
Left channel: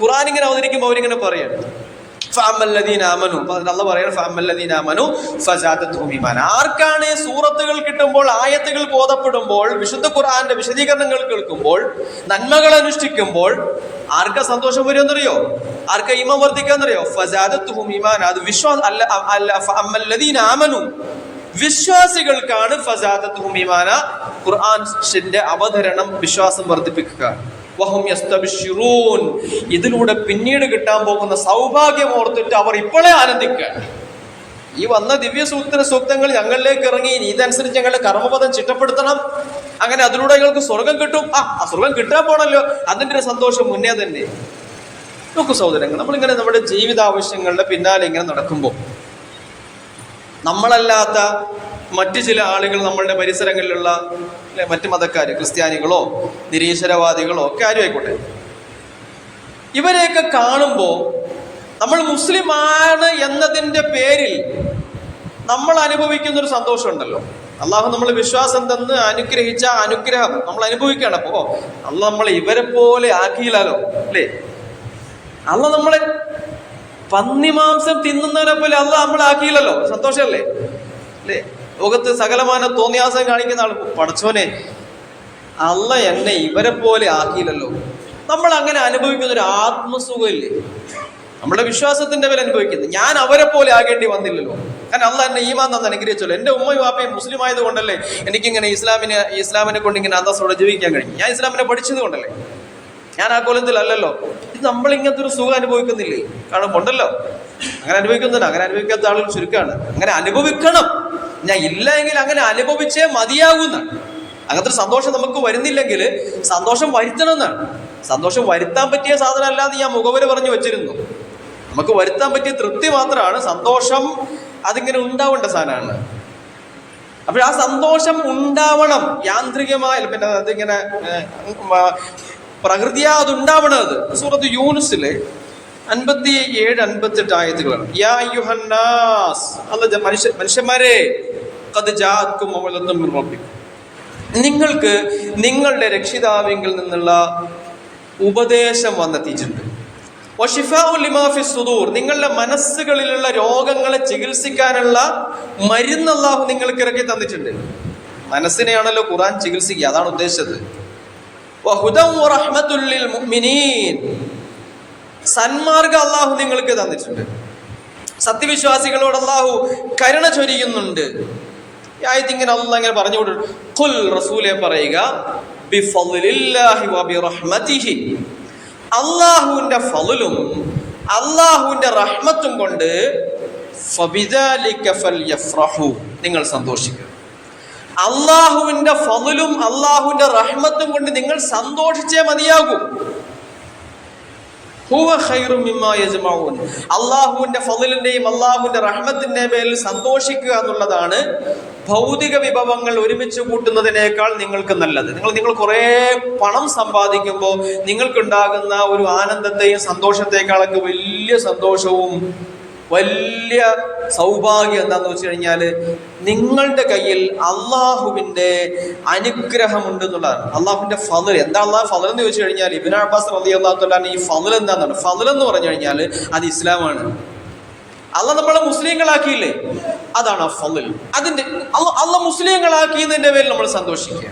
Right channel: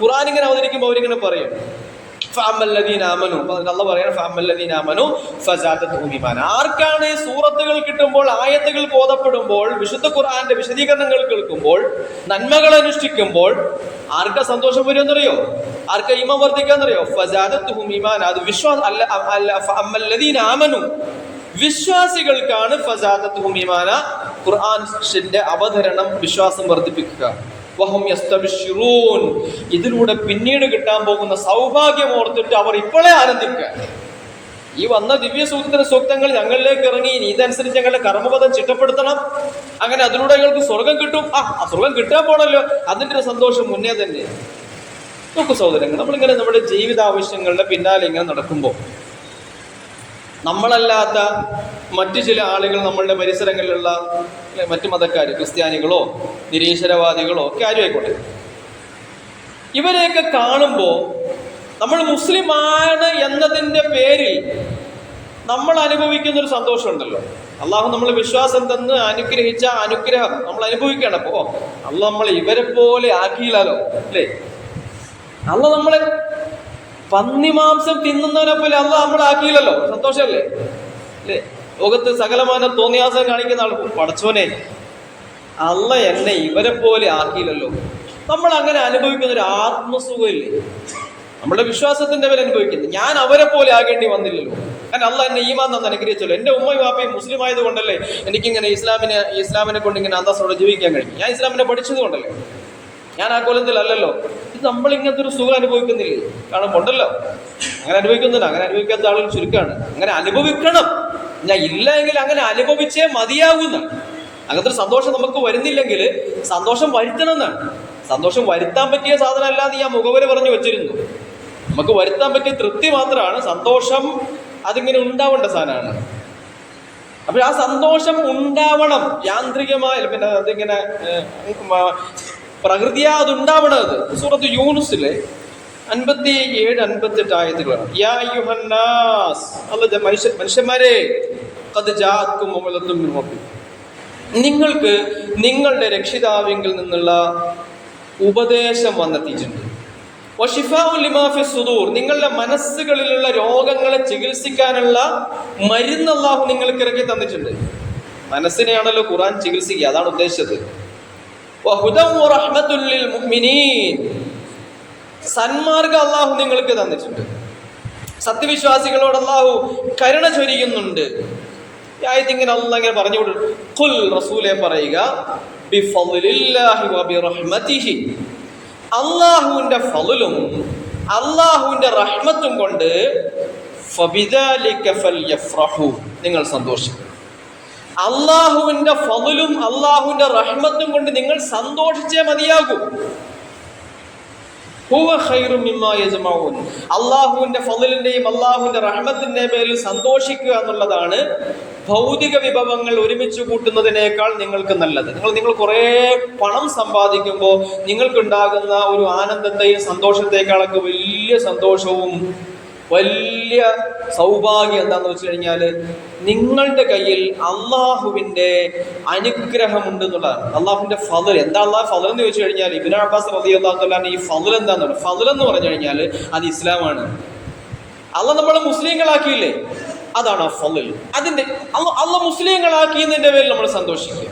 ഖുർആൻ ഇങ്ങനെ അവതരിക്കുമ്പോൾ അവരിങ്ങനെ പറയാണ്, ആർക്കാണ് ഈ സൂറത്തുകൾ കിട്ടുമ്പോൾ, ആയത്തുകൾ ബോധപ്പെടുമ്പോൾ, വിശുദ്ധ ഖുർആന്റെ വിശദീകരണങ്ങൾ കേൾക്കുമ്പോൾ, നന്മകൾ അനുഷ്ഠിക്കുമ്പോൾ ആർക്കാ സന്തോഷം വരുമെന്നറിയോ, ആർക്കാ ഈമാൻ വർദ്ധിക്കാന്നറിയോ, ഫസാദത്തുഹും ഈമാന. അത് വിശ്വാസികൾക്കാണ് ഫസാദത്തുഹും ഈമാന, ഖുർആന്റെ അവതരണം വിശ്വാസം വർദ്ധിപ്പിക്കുക. ഇതിലൂടെ പിന്നീട് കിട്ടാൻ പോകുന്ന സൗഭാഗ്യം ഓർത്തിട്ട് അവർ ഇപ്പോഴേ ആനന്ദിക്കുക. ഈ വന്ന ദിവ്യ സൂക്തങ്ങൾ ഞങ്ങളിലേക്ക് ഇറങ്ങി, ഇതനുസരിച്ച് ഞങ്ങളുടെ കർമ്മപദം ചിട്ടപ്പെടുത്തണം, അങ്ങനെ അതിലൂടെ ഞങ്ങൾക്ക് സ്വർഗം കിട്ടും. ആ സ്വർഗം കിട്ടാൻ പോണല്ലോ, അതിന്റെ ഒരു സന്തോഷം മുന്നേ തന്നെ. നോക്കൂ സഹോദരങ്ങൾ, നമ്മളിങ്ങനെ നമ്മുടെ ജീവിതാവശ്യങ്ങളുടെ പിന്നാലെ ഇങ്ങനെ നടക്കുമ്പോൾ നമ്മളല്ലാത്ത മറ്റു ചില ആളുകൾ, നമ്മളുടെ പരിസരങ്ങളിലുള്ള മറ്റു മതക്കാർ, ക്രിസ്ത്യാനികളോ നിരീശ്വരവാദികളോ ഒക്കെ ആരും ആയിക്കോട്ടെ, ഇവരെയൊക്കെ കാണുമ്പോൾ നമ്മൾ മുസ്ലിമാണ് എന്നതിൻ്റെ പേരിൽ നമ്മൾ അനുഭവിക്കുന്ന ഒരു സന്തോഷമുണ്ടല്ലോ. അള്ളാഹു നമ്മൾ വിശ്വാസം തന്ന് അനുഗ്രഹിച്ച അനുഗ്രഹം നമ്മൾ അനുഭവിക്കണം. അപ്പോ അള്ളാഹ് നമ്മളെ ഇവരെ പോലെ ആക്കിയില്ലല്ലോ, അല്ലേ? അള്ളാഹ് നമ്മളെ പന്നിമാംസം തിന്നുന്നവരെ പോലെ അള്ളാഹ് നമ്മളെ ആക്കിയില്ലല്ലോ. സന്തോഷമല്ലേ, അല്ലേ? ലോകത്ത് സകലമാന തോന്നിയാസം കാണിക്കുന്ന ആൾ, പടച്ചോനെ അള്ളാഹ് എന്നെ ഇവരെ പോലെ ആക്കിയില്ലല്ലോ. നമ്മൾ അങ്ങനെ അനുഭവിക്കുന്ന ഒരു ആത്മസുഖമില്ലേ, നമ്മുടെ വിശ്വാസത്തിന്റെ പേര് അനുഭവിക്കുന്നത്. ഞാൻ അവരെ പോലെ ആകേണ്ടി വന്നില്ലല്ലോ, കാരണം അള്ളാഹ് എന്നെ ഈമാൻ തന്ന് അനുഗ്രഹിച്ചല്ലോ. എൻ്റെ ഉമ്മയും വാപ്പയും മുസ്ലിം ആയത് കൊണ്ടല്ലേ എനിക്കിങ്ങനെ ഇസ്ലാമിനെ കൊണ്ട് ഇങ്ങനെ അന്തസ്സോടെ ജീവിക്കാൻ കഴിയും. ഞാൻ ഇസ്ലാമിനെ പഠിച്ചത് കൊണ്ടല്ലേ, ഞാൻ ആ കോലത്തിലല്ലല്ലോ. ഇത് നമ്മൾ ഇങ്ങനത്തെ ഒരു സുഖം അനുഭവിക്കുന്നില്ലേ? കാരണം ഉണ്ടല്ലോ, അങ്ങനെ അനുഭവിക്കുന്നില്ല. അങ്ങനെ അനുഭവിക്കാത്ത ആളുകൾ ചുരുക്കമാണ്. അങ്ങനെ അനുഭവിക്കണം. ഞാൻ ഇല്ല എങ്കിൽ അങ്ങനെ അനുഭവിച്ചേ മതിയാകുന്ന അങ്ങനത്തെ ഒരു സന്തോഷം നമുക്ക് വരുന്നില്ലെങ്കിൽ സന്തോഷം വരുത്തണം എന്നാണ്. സന്തോഷം വരുത്താൻ പറ്റിയ സാധനം അല്ലാതെ ഞാൻ മുഖവര പറഞ്ഞു വെച്ചിരുന്നു. നമുക്ക് വരുത്താൻ പറ്റിയ തൃപ്തി മാത്രമാണ് സന്തോഷം. അതിങ്ങനെ ഉണ്ടാവേണ്ട സാധനമാണ്. അപ്പോൾ ആ സന്തോഷം ഉണ്ടാവണം യാന്ത്രികമായി, പിന്നെ അതിങ്ങനെ പ്രകൃതിയാ അതുണ്ടാവണം. അത് സൂറത്ത് യൂനുസിലെ 57, 58 ആയത്തുകളാണ്. യാ അയ്യുഹന്നാസ്, മനുഷ്യന്മാരെ, ഖദ് ജാഅക്കും മൗഇദത്തും മിർ റബ്ബിക്കും, നിങ്ങൾക്ക് നിങ്ങളുടെ രക്ഷിതാവിങ്കിൽ നിന്നുള്ള ഉപദേശം വന്നെത്തിയിട്ടുണ്ട്. വശിഫാഉ ലിമാ ഫിസ് സുദൂർ, നിങ്ങളുടെ മനസ്സുകളിലുള്ള രോഗങ്ങളെ ചികിത്സിക്കാനുള്ള മരുന്ന് അല്ലാഹു നിങ്ങൾക്ക് ഇറക്കി തന്നിട്ടുണ്ട്. മനസ്സിനെയാണല്ലോ ഖുർആൻ ചികിത്സിക്കുക, അതാണ് ഉദ്ദേശിച്ചത്. വഹുദൻ വറഹ്മത്തുൽ ലിൽ മുഅ്മിനീൻ, സന്മാർഗ്ഗം അല്ലാഹു നിങ്ങൾക്ക് തന്നിട്ടുണ്ട്. സത്യവിശ്വാസികളോട് അല്ലാഹു കരുണ ചൊരിയുന്നുണ്ട്. ഈ ആയത്ത് ഇങ്ങനെ അല്ലാഹു ഇങ്ങനെ പറഞ്ഞു കൊടുത്തു. ഖുൽ, റസൂലേ പറയുക, ബിഫളില്ലാഹി വബിറഹ്മതിഹി, അല്ലാഹുവിന്റെ ഫളുലും അല്ലാഹുവിന്റെ റഹ്മത്തും കൊണ്ട് ഫബിദാലിക ഫൽയഫ്റഹു, നിങ്ങൾ സന്തോഷിക്കുക. അല്ലാഹുവിന്റെ ഫളുലും അല്ലാഹുവിന്റെ റഹ്മത്തും കൊണ്ട് നിങ്ങൾ സന്തോഷിച്ചേ മതിയാകൂ. ഹുവ ഖൈറും മിമ്മാ യജ്മഊൻ, അല്ലാഹുവിന്റെ ഫളിലിന്റെയും അല്ലാഹുവിന്റെ റഹ്മത്തിന്റെയും പേരിൽ സന്തോഷിക്കുക എന്നുള്ളതാണ് ഭൗതിക വിഭവങ്ങൾ ഒരുമിച്ച് കൂട്ടുന്നതിനേക്കാൾ നിങ്ങൾക്ക് നല്ലത്. നിങ്ങൾ കുറേ പണം സമ്പാദിക്കുമ്പോൾ നിങ്ങൾക്കുണ്ടാകുന്ന ഒരു ആനന്ദത്തെയും സന്തോഷത്തെക്കാളൊക്കെ വലിയ സന്തോഷവും വലിയ സൗഭാഗ്യം എന്താണെന്ന് വെച്ച് കഴിഞ്ഞാൽ നിങ്ങളുടെ കയ്യിൽ അള്ളാഹുവിൻ്റെ അനുഗ്രഹമുണ്ട് എന്നുള്ളതാണ്. അള്ളാഹുവിൻ്റെ ഫളൽ എന്താ? അള്ളാഹു ഫളൽ എന്ന് ചോദിച്ചു കഴിഞ്ഞാൽ ഇബ്നു അബ്ബാസ് റളിയല്ലാഹു തആല ഈ ഫളൽ എന്താണെന്നാണ്. ഫളൽ എന്ന് പറഞ്ഞു കഴിഞ്ഞാൽ അത് ഇസ്ലാമാണ്. അള്ളാഹ് നമ്മളെ മുസ്ലിങ്ങളാക്കിയില്ലേ, അതാണ് ആ ഫളൽ. അതിൻ്റെ അള്ളാഹ് മുസ്ലിങ്ങളാക്കിയതിൻ്റെ പേരിൽ നമ്മൾ സന്തോഷിക്കുക.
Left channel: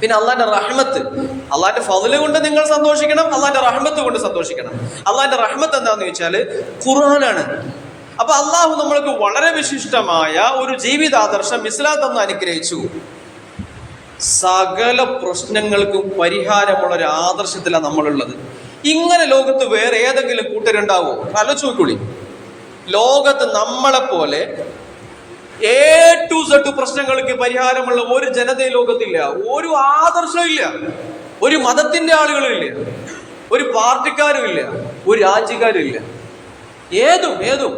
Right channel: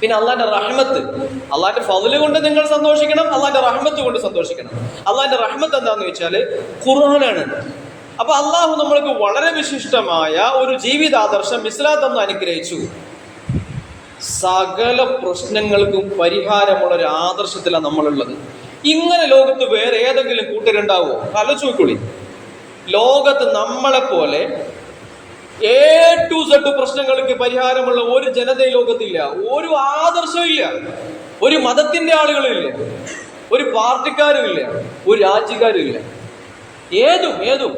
പിന്നെ അള്ളാന്റെ റഹ്മത്ത്, അള്ളാന്റെ ഫളല് കൊണ്ട് നിങ്ങൾ സന്തോഷിക്കണം, അള്ളാന്റെ റഹ്മത്ത് കൊണ്ട് സന്തോഷിക്കണം. അള്ളാന്റെ റഹ്മത്ത് എന്താന്ന് ചോദിച്ചാൽ ഖുർആനാണ്. അപ്പൊ അള്ളാഹു നമ്മൾക്ക് വളരെ വിശിഷ്ടമായ ഒരു ജീവിതാദർശം ഇസ്ലാം തന്ന് അനുഗ്രഹിച്ചു. സകല പ്രശ്നങ്ങൾക്കും പരിഹാരമുള്ള ഒരു ആദർശത്തിലാണ് നമ്മളുള്ളത്. ഇങ്ങനെ ലോകത്ത് വേറെ ഏതെങ്കിലും കൂട്ടരുണ്ടാവോ? ആലോചിച്ച് നോക്കൂടി. ലോകത്ത് നമ്മളെപ്പോലെ A to Z പ്രശ്നങ്ങൾക്ക് പരിഹാരമുള്ള ഒരു ജനത ലോകത്തില്ല. ഒരു ആദർശവും ഇല്ല, ഒരു മതത്തിന്റെ ആളുകളും ഇല്ല, ഒരു പാർട്ടിക്കാരും ഇല്ല, ഒരു രാജ്യക്കാരും ഇല്ല. ഏതും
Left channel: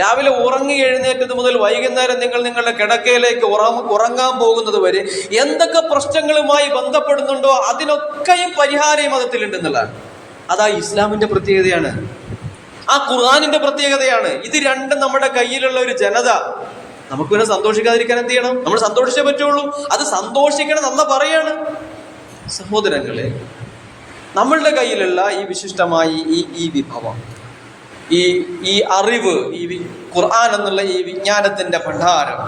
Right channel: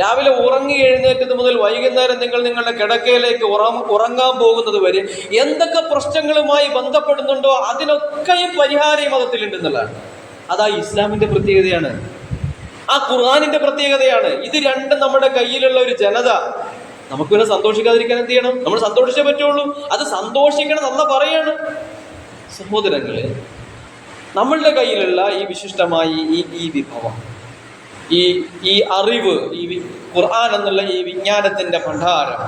രാവിലെ ഉറങ്ങി എഴുന്നേറ്റത് മുതൽ വൈകുന്നേരം നിങ്ങൾ നിങ്ങളുടെ കിടക്കയിലേക്ക് ഉറങ്ങാൻ പോകുന്നത് വരെ എന്തൊക്കെ പ്രശ്നങ്ങളുമായി ബന്ധപ്പെടുന്നുണ്ടോ അതിനൊക്കെയും പരിഹാരം ഈ മതത്തിലുണ്ടെന്നുള്ളതാണ്. അതാ ഇസ്ലാമിന്റെ പ്രത്യേകതയാണ്, ആ ഖുർആനിന്റെ പ്രത്യേകതയാണ്. ഇത് രണ്ടും നമ്മുടെ കയ്യിലുള്ള ഒരു ജനത നമുക്ക് പിന്നെ സന്തോഷിക്കാതിരിക്കാൻ എന്ത് ചെയ്യണം? നമ്മൾ സന്തോഷിച്ചേ പറ്റുള്ളൂ. അത് സന്തോഷിക്കണം എന്ന് പറയാണ്. സഹോദരങ്ങളെ, നമ്മളുടെ കയ്യിലുള്ള ഈ വിശിഷ്ടമായ ഈ വിഭവം, ഈ അറിവ്, ഈ ഖുർആൻ എന്നുള്ള ഈ വിജ്ഞാനത്തിന്റെ ഭണ്ഡാരം,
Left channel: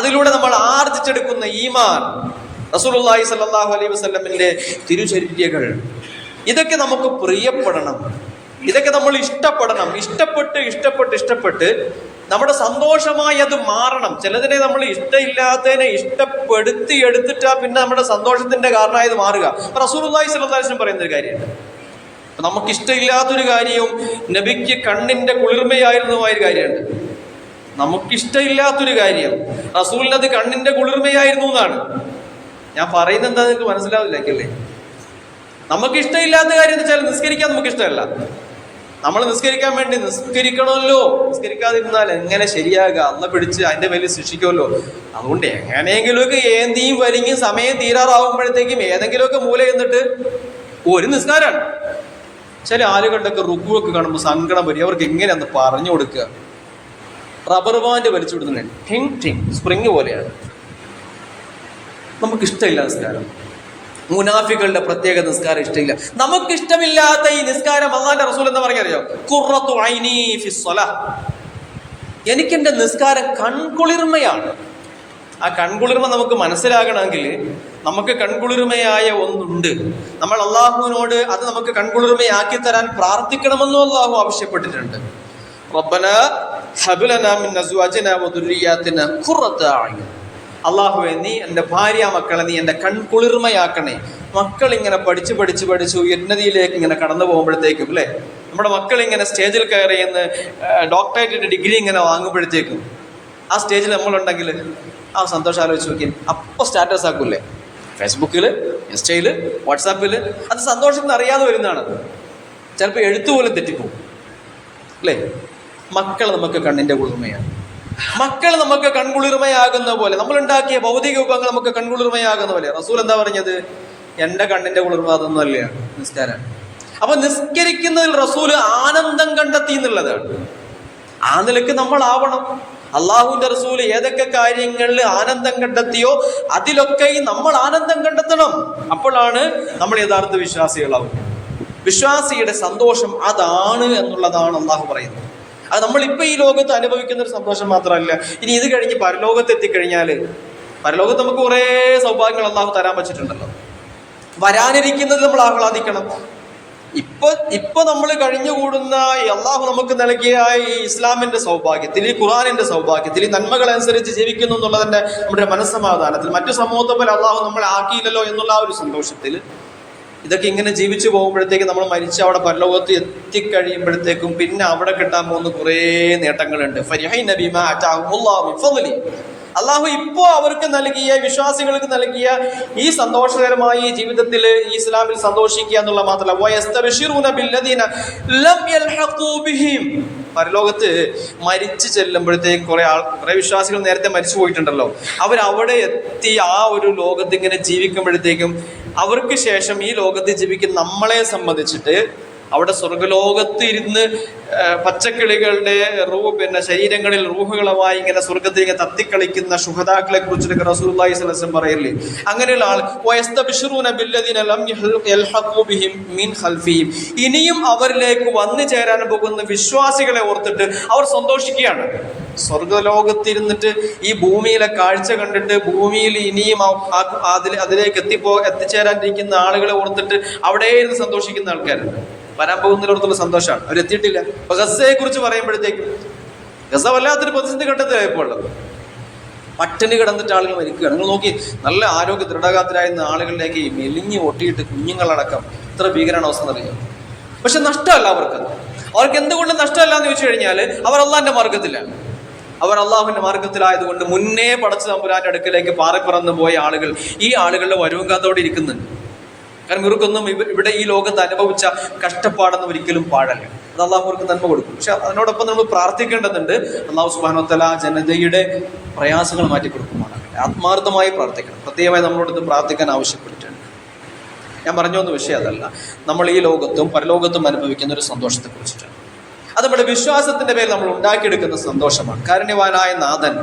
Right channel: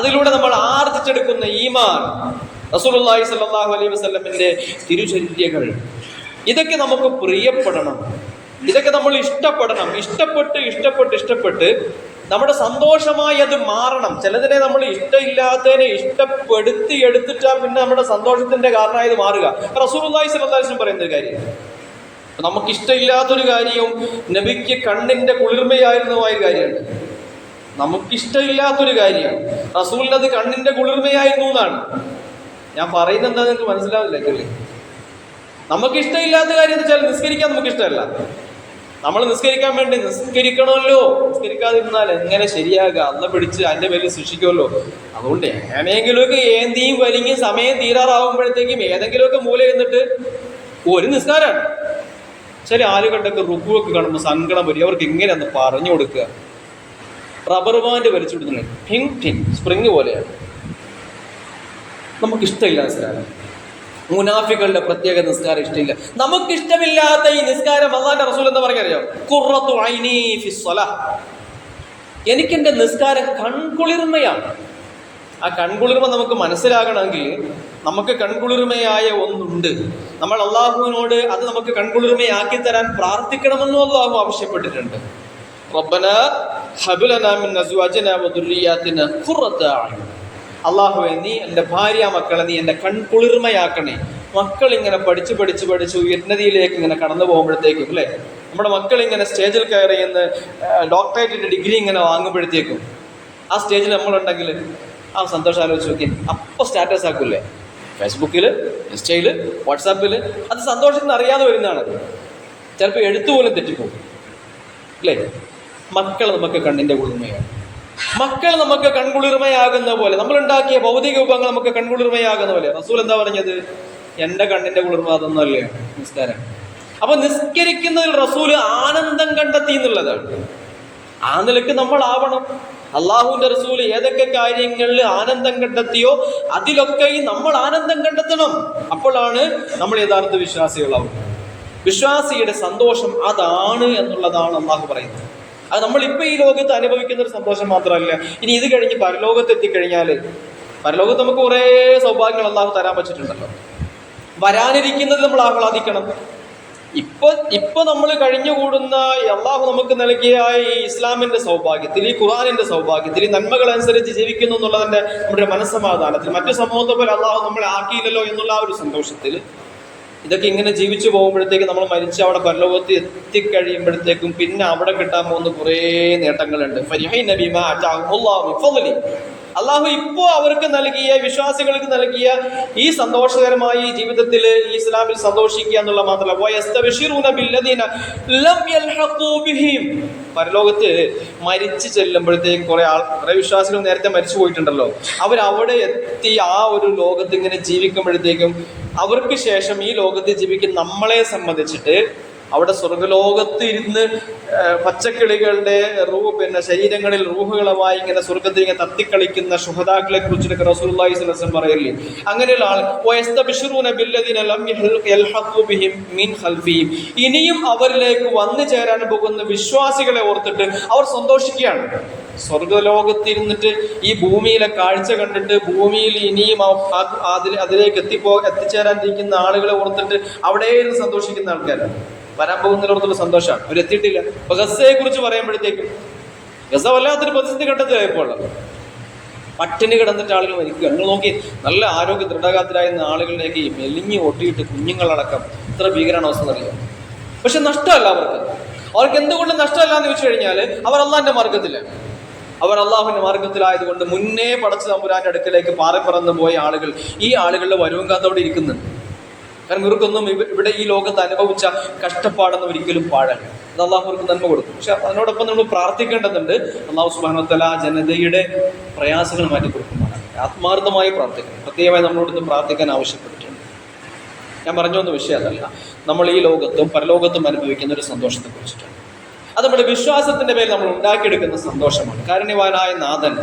അതിലൂടെ നമ്മൾ ആർജിച്ചെടുക്കുന്ന ഈമാൻ, റസൂലുള്ളാഹി സ്വല്ലല്ലാഹു അലൈഹി വസല്ലമിന്റെ തിരുചര്യകൾ, ഇതൊക്കെ നമുക്ക് പ്രിയപ്പെടണം, ഇതൊക്കെ നമ്മൾ ഇഷ്ടപ്പെടണം. ഇഷ്ടപ്പെട്ട് നമ്മുടെ സന്തോഷമായി അത് മാറണം. ചിലതിനെ നമ്മൾ ഇഷ്ടമില്ലാത്തതിനെ ഇഷ്ടപ്പെടുത്തി എടുത്തിട്ടാ പിന്നെ നമ്മുടെ സന്തോഷത്തിന്റെ കാരണമായത് മാറുക. റസൂലുള്ളാഹി സ്വല്ലല്ലാഹു അലൈഹി വസല്ലം പറയുന്ന ഒരു കാര്യമാണ്, നമുക്ക് ഇഷ്ടമില്ലാത്തൊരു കാര്യവും നബിക്ക് കണ്ണിന്റെ കുളിർമയായിരുന്നതായ ഒരു കാര്യമുണ്ട്. നമുക്കിഷ്ടമില്ലാത്തൊരു കാര്യം റസൂലിനത് കണ്ണിന്റെ കുളിർമയായിരുന്നു എന്നാണ്. ഞാൻ പറയുന്നത് എന്താ നിങ്ങൾക്ക് മനസ്സിലാവില്ലേ? നമുക്ക് ഇഷ്ടമില്ലാത്ത കാര്യം എന്ന് വെച്ചാൽ നിസ്കരിക്കാൻ നമുക്ക് ഇഷ്ടമല്ല, നമ്മൾ നിസ്കരിക്കാൻ വേണ്ടി നിസ്കരിക്കണമല്ലോ, നിസ്കരിക്കാതിരുന്നാൽ എങ്ങനെ ശരിയാകുക? അള്ള പിടിച്ച് അതിന്റെ പേരിൽ ശിക്ഷിക്കുമല്ലോ. അതുകൊണ്ട് എങ്ങനെയെങ്കിലുമൊക്കെ ഏന്തിയും വലിഞ്ഞ് സമയം തീരാറാവുമ്പോഴത്തേക്കും ഏതെങ്കിലുമൊക്കെ മൂല എന്നിട്ട് ഒരു നിസ്കാരമാണ്. ചില ആളുകളുടെയൊക്കെ റുക്കുവൊക്കെ കാണുമ്പോൾ സങ്കടം വരും. അവർക്ക് എങ്ങനെയാന്ന് പറഞ്ഞു കൊടുക്കുക? റബ്ബർ ബാൻഡ് വലിച്ചു വിടുന്നുണ്ട്, ഠിങ് ഠിങ് സ്പ്രിങ് പോലെയാണ്. നമുക്കിഷ്ടമില്ല നിസ്കാരം. മുനാഫികളുടെ പ്രത്യേക നിസ്കാരം ഇഷ്ടമില്ല. നമുക്കിഷ്ടമില്ലാത്ത ഈ നിസ്കാരം അല്ലാഹുവിന്റെ റസൂൽ എന്താ പറഞ്ഞറിയോ? ഖുർറത്തു ഐനി ഫിസ്സലാഹ്, എനിക്കെന്റെ നിസ്കാരം കൺകുളിർമയാണ്. ആ കൺകുളിർമ നമുക്ക് മനസ്സിലാകണമെങ്കിൽ നമുക്ക് കൺകുളിർമയായ ഒന്നുണ്ട്. നമ്മൾ അള്ളാഹുവിനോട് അത് നമുക്ക് കൺകുളിർമയാക്കി തരാൻ പ്രാർത്ഥിക്കണമെന്നും അള്ളാഹു ആവശ്യപ്പെട്ടിട്ടുണ്ട്. റബ്ബനാ ഹബ് ലനാ മിൻ അസ്വാജിനാ വദുർരിയാതിനാ ഖുർറത അയ്യുൻ, അള്ളാഹുവേ നീ എൻ്റെ ഭാര്യ മക്കളെ നീ എൻ്റെ കൺകുളിർമയാക്കണേ. മക്കൾ ഇങ്ങനെ പഠിച്ച് ഉന്നതിയിലേക്ക് ഇങ്ങനെ കടന്നു പോകുമ്പോഴത്തേക്കും അല്ലേ, നമ്മുടെ മക്കൾ ഇങ്ങനെ സ്റ്റേജിൽ കയറി എന്ന് ഡോക്ടറേറ്റിന്റെ ഡിഗ്രി ഇങ്ങനെ വാങ്ങുമ്പോഴത്തേക്കും ആ സ്റ്റേജിൽ നമ്മളുണ്ടെങ്കിൽ ആ സന്തോഷം ആലോചിച്ച് നോക്കി. അപ്പോൾ സ്റ്റാറ്റസ് ആക്കൂല്ലേ, ഫേസ്ബുക്കിൽ, ഇൻസ്റ്റയിൽ, വാട്സാപ്പിൽ. അത് സന്തോഷത്തിന് അറിയാതെ വരുന്നതാണ്. ചിലപ്പോൾ എഴുത്തുപോലും തെറ്റിപ്പോകും അല്ലേ. മക്കൾ നമുക്ക് കണ്ണിൻ്റെ കുളിർമയാണ്. മക്കൾ നമുക്ക് കൺകുളിർമയാകുന്ന പോലെ, നമ്മളുണ്ടാക്കിയ ഭൗതിക വിഭവങ്ങൾ നമുക്ക് കൺകുളിർമയാകുന്ന പോലെ. റസൂൽ എന്താ പറഞ്ഞത്? എൻ്റെ കണ്ണിൻ്റെ കുളിർമ അതൊന്നും അല്ല, നിസ്കാരം. അപ്പൊ നിസ്കരിക്കുന്നതിൽ റസൂല് ആനന്ദം കണ്ടെത്തി എന്നുള്ളതാണ്. ആ നിലയ്ക്ക് നമ്മൾ ആവണം. അള്ളാഹുവിന്റെ റസൂല് ഏതൊക്കെ കാര്യങ്ങളിൽ ആനന്ദം കണ്ടെത്തിയോ അതിലൊക്കെ നമ്മൾ ആനന്ദം കണ്ടെത്തണം. അപ്പോഴാണ് നമ്മൾ യഥാർത്ഥ വിശ്വാസികളാവും. വിശ്വാസിയുടെ സന്തോഷം അതാണ് എന്നുള്ളതാണ് അള്ളാഹു പറയുന്നത്. അത് നമ്മളിപ്പോൾ ഈ ലോകത്ത് അനുഭവിക്കുന്ന ഒരു സന്തോഷം മാത്രമല്ല, ഇനി ഇത് കഴിഞ്ഞ് പരലോകത്ത് എത്തിക്കഴിഞ്ഞാൽ, പരലോകത്ത് നമുക്ക് കുറേ സൗഭാഗ്യങ്ങൾ അള്ളാഹു തരാൻ പറ്റിയിട്ടുണ്ടല്ലോ. വരാനിരിക്കുന്നത് നമ്മൾ ആഹ്ലാദിക്കണം. ഇപ്പൊ നമ്മൾ കഴിഞ്ഞുകൂടുന്ന അള്ളാഹു നമുക്ക് നൽകിയ ഈ ഇസ്ലാമിന്റെ സൗഭാഗ്യത്തിൽ, ഈ ഖുർആനിന്റെ സൗഭാഗ്യത്തിൽ, ഈ നന്മകളനുസരിച്ച് ജീവിക്കുന്നു എന്നുള്ളതിന്റെ നമ്മുടെ മനസ്സമാധാനത്തിൽ, മറ്റു സമൂഹത്തെ പോലെ അള്ളാഹു നമ്മളെ ആക്കിയില്ലല്ലോ എന്നുള്ള ആ ഒരു സന്തോഷത്തിൽ, ഇതൊക്കെ ഇങ്ങനെ ജീവിച്ചു പോകുമ്പോഴത്തേക്കും നമ്മൾ മരിച്ച് അവിടെ പരലോകത്ത് എത്തിക്കഴിയുമ്പോഴത്തേക്കും പിന്നെ അവിടെ കിട്ടാൻ പോകുന്ന കുറേ നേട്ടങ്ങളുണ്ട്. അള്ളാഹു ഇപ്പോൾ അവർക്ക് നൽകിയ, വിശ്വാസികൾക്ക് നൽകിയ ഈ സന്തോഷകരമായ ഈ ജീവിതത്തിൽ ഈ ഇസ്ലാമിൽ സന്തോഷിക്കുക എന്നുള്ള മാത്രമല്ല, പരലോകത്ത് മരിച്ചു ചെല്ലുമ്പോഴത്തേക്കും കുറെ വിശ്വാസികൾ നേരത്തെ മരിച്ചു പോയിട്ടുണ്ടല്ലോ, അവരവിടെ എത്തി ആ ഒരു ലോകത്ത് ഇങ്ങനെ ജീവിക്കുമ്പോഴത്തേക്കും അവർക്ക് ശേഷം ഈ ലോകത്ത് ജീവിക്കുന്ന നമ്മളെ സംബന്ധിച്ചിട്ട് അവിടെ സ്വർഗലോകത്ത് ഇരുന്ന് പച്ചക്കിളികളുടെ ശരീരങ്ങളിൽ റൂഹുകളുമായി ഇങ്ങനെ സ്വർഗത്തിൽ ഇങ്ങനെ തത്തിക്കളിക്കുന്ന ശുഹദാക്കളെ കുറിച്ചിട്ടൊക്കെ റസൂലുള്ളാഹി സ്വല്ലല്ലാഹു അലൈഹി വസല്ലം പറയല്ലേ. അങ്ങനെയുള്ള ആൾ ഇനിയും അവരിലേക്ക് വന്നു ചേരാൻ പോകുന്ന വിശ്വാസികളെ ഓർത്തിട്ട് അവർ സന്തോഷിക്കുകയാണ്. സ്വർഗലോകത്തിരുന്നിട്ട് ഈ ഭൂമിയിലെ കാഴ്ച കണ്ടിട്ട് ഭൂമിയിൽ ഇനിയും അതിലേക്ക് എത്തിച്ചേരാനിരിക്കുന്ന ആളുകളെ ഓർത്തിട്ട് അവിടെ ഇരുന്ന് സന്തോഷിക്കുന്ന ആൾക്കാരാണ്. വരാൻ പോകുന്നതിലോടത്തുള്ള സന്തോഷമാണ്. അവരെത്തിയിട്ടില്ല. അപ്പൊ ഗസയെ കുറിച്ച് പറയുമ്പോഴത്തേക്കും ഗസ വല്ലാത്തൊരു പ്രതിസന്ധി ഘട്ടത്തിലായപ്പോൾ പട്ടിണി കിടന്നിട്ട് ആളുകൾ മരിക്കുകയാണ്. നിങ്ങൾ നോക്കി, നല്ല ആരോഗ്യ ദൃഢഗാത്രരായിരുന്ന ആളുകളിലേക്ക് മെലിഞ്ഞ് ഒട്ടിയിട്ട് കുഞ്ഞുങ്ങളടക്കം ഇത്ര ഭീകരമാണ് അവസ്ഥ എന്നറിയാം. പക്ഷെ നഷ്ടമല്ല അവർക്ക് എന്തുകൊണ്ട് നഷ്ടമല്ല എന്ന് ചോദിച്ചു കഴിഞ്ഞാൽ അവർ അള്ളാഹിന്റെ മാർഗത്തിലാണ്. അവർ അള്ളാഹുവിന്റെ മാർഗത്തിലായതുകൊണ്ട് മുന്നേ പടച്ച തമ്പുരാന്റെ അടുക്കലേക്ക് പാറിപ്പറന്നു പോയ ആളുകൾ ഈ ആളുകളുടെ വരവും കാത്തോടെ ഇരിക്കുന്നുണ്ട്. കാരണം ഇവർക്കൊന്നും ഇവിടെ ഈ ലോകത്ത് അനുഭവിച്ച കഷ്ടപ്പാടൊന്നും ഒരിക്കലും പാടല്ല. അത് അള്ളാഹു അവർക്ക് നന്മ കൊടുക്കും. പക്ഷെ അതിനോടൊപ്പം നമ്മൾ പ്രാർത്ഥിക്കേണ്ടതുണ്ട്. അള്ളാഹു സുബ്ഹാനഹു വ തആല ജനതയുടെ പ്രയാസങ്ങൾ മാറ്റി കൊടുക്കുമാറാകട്ടെ. ആത്മാർത്ഥമായി പ്രാർത്ഥിക്കണം. പ്രത്യേകമായി നമ്മളോട് പ്രാർത്ഥിക്കാൻ ആവശ്യപ്പെട്ടിട്ടുണ്ട്. ഞാൻ പറഞ്ഞൊന്നും വിഷയം അതല്ല, നമ്മൾ ഈ ലോകത്തും പരലോകത്തും അനുഭവിക്കുന്ന ഒരു സന്തോഷത്തെ കുറിച്ചിട്ടാണ്. അത് നമ്മുടെ വിശ്വാസത്തിന്റെ പേരിൽ നമ്മൾ ഉണ്ടാക്കിയെടുക്കുന്ന സന്തോഷമാണ്. കാരുണ്യവാനായ നാഥൻ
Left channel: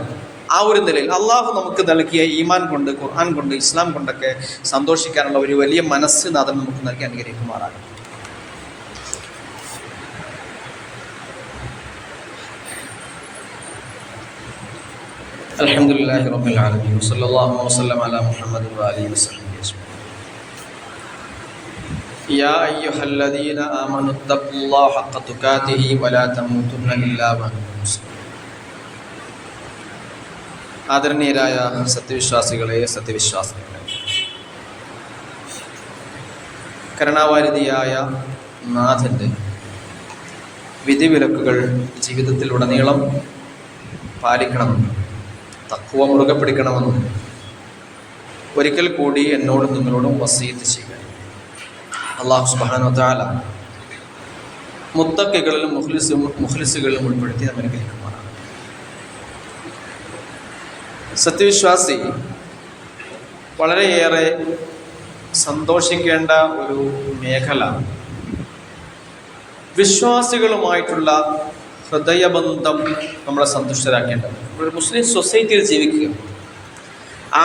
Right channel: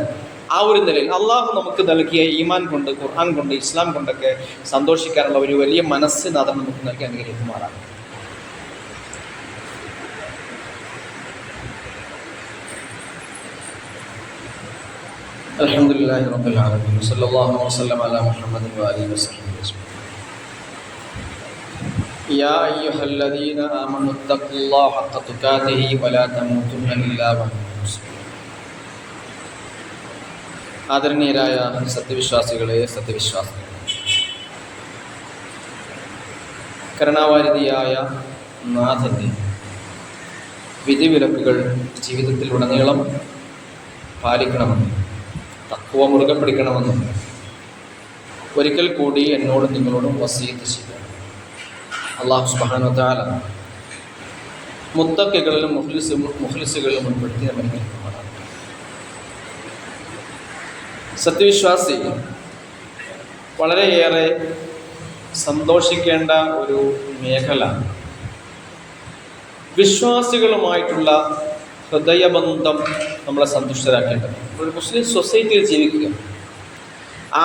ആ ഒരു നിലയിൽ അള്ളാഹു നമുക്ക് നൽകിയ ഈമാൻ കൊണ്ട്, ഖുർആൻ കൊണ്ട്, ഇസ്ലാം കൊണ്ടൊക്കെ സന്തോഷിക്കാനുള്ള ഒരു വലിയ മനസ്സ് നാഥൻ നമുക്ക് നൽകി അനുഗ്രഹിക്കുമാറാണ്. അൽഹംദുലില്ലാഹി റബ്ബിൽ ആലമീൻ സ്വല്ലല്ലാഹു വസല്ലം അലാ മുഹമ്മദ് വആലിഹി വസല്ലം. യാ അയ്യുഹല്ലദീന ആമനു തഖുല്ലാഹ ഹഖ്ക തുഖാതിഹി വലാ തമൂതുന്ന ഇല്ലാ വഅൻതും മുസ്ലിമൂൻ. ആദരണീയരായ സത്യവിശ്വാസികളെ, സത്യവിശ്വാസികളെ, കരുണാവാരിധിയായ നാഥൻ്റെ വിധിവിലക്കുകൾ ജീവിതത്തിൽ ഉടനീളം പാലിക്കണമെന്നും തഖ്വ മുറുകെ പിടിക്കണമെന്നും ഒരിക്കൽ കൂടി എന്നോടും നിങ്ങളോടും വസീയത്ത് ചെയ്യുക. അല്ലാഹു സുബ്ഹാനഹു വ തആല മുത്തക്കികളിലും മുഖ്ലിസുകളിലും ഉൾപ്പെടുത്തി നമ്മൾ അനുഗ്രഹിക്കുമാറാണ്. സത്യവിശ്വാസി വളരെയേറെ സന്തോഷിക്കേണ്ട ഒരു മേഖല വിശ്വാസികളുമായിട്ടുള്ള ഹൃദയബന്ധം നമ്മളെ സന്തുഷ്ടരാക്കേണ്ടത്. ഒരു മുസ്ലിം സൊസൈറ്റിയിൽ ജീവിക്കുക,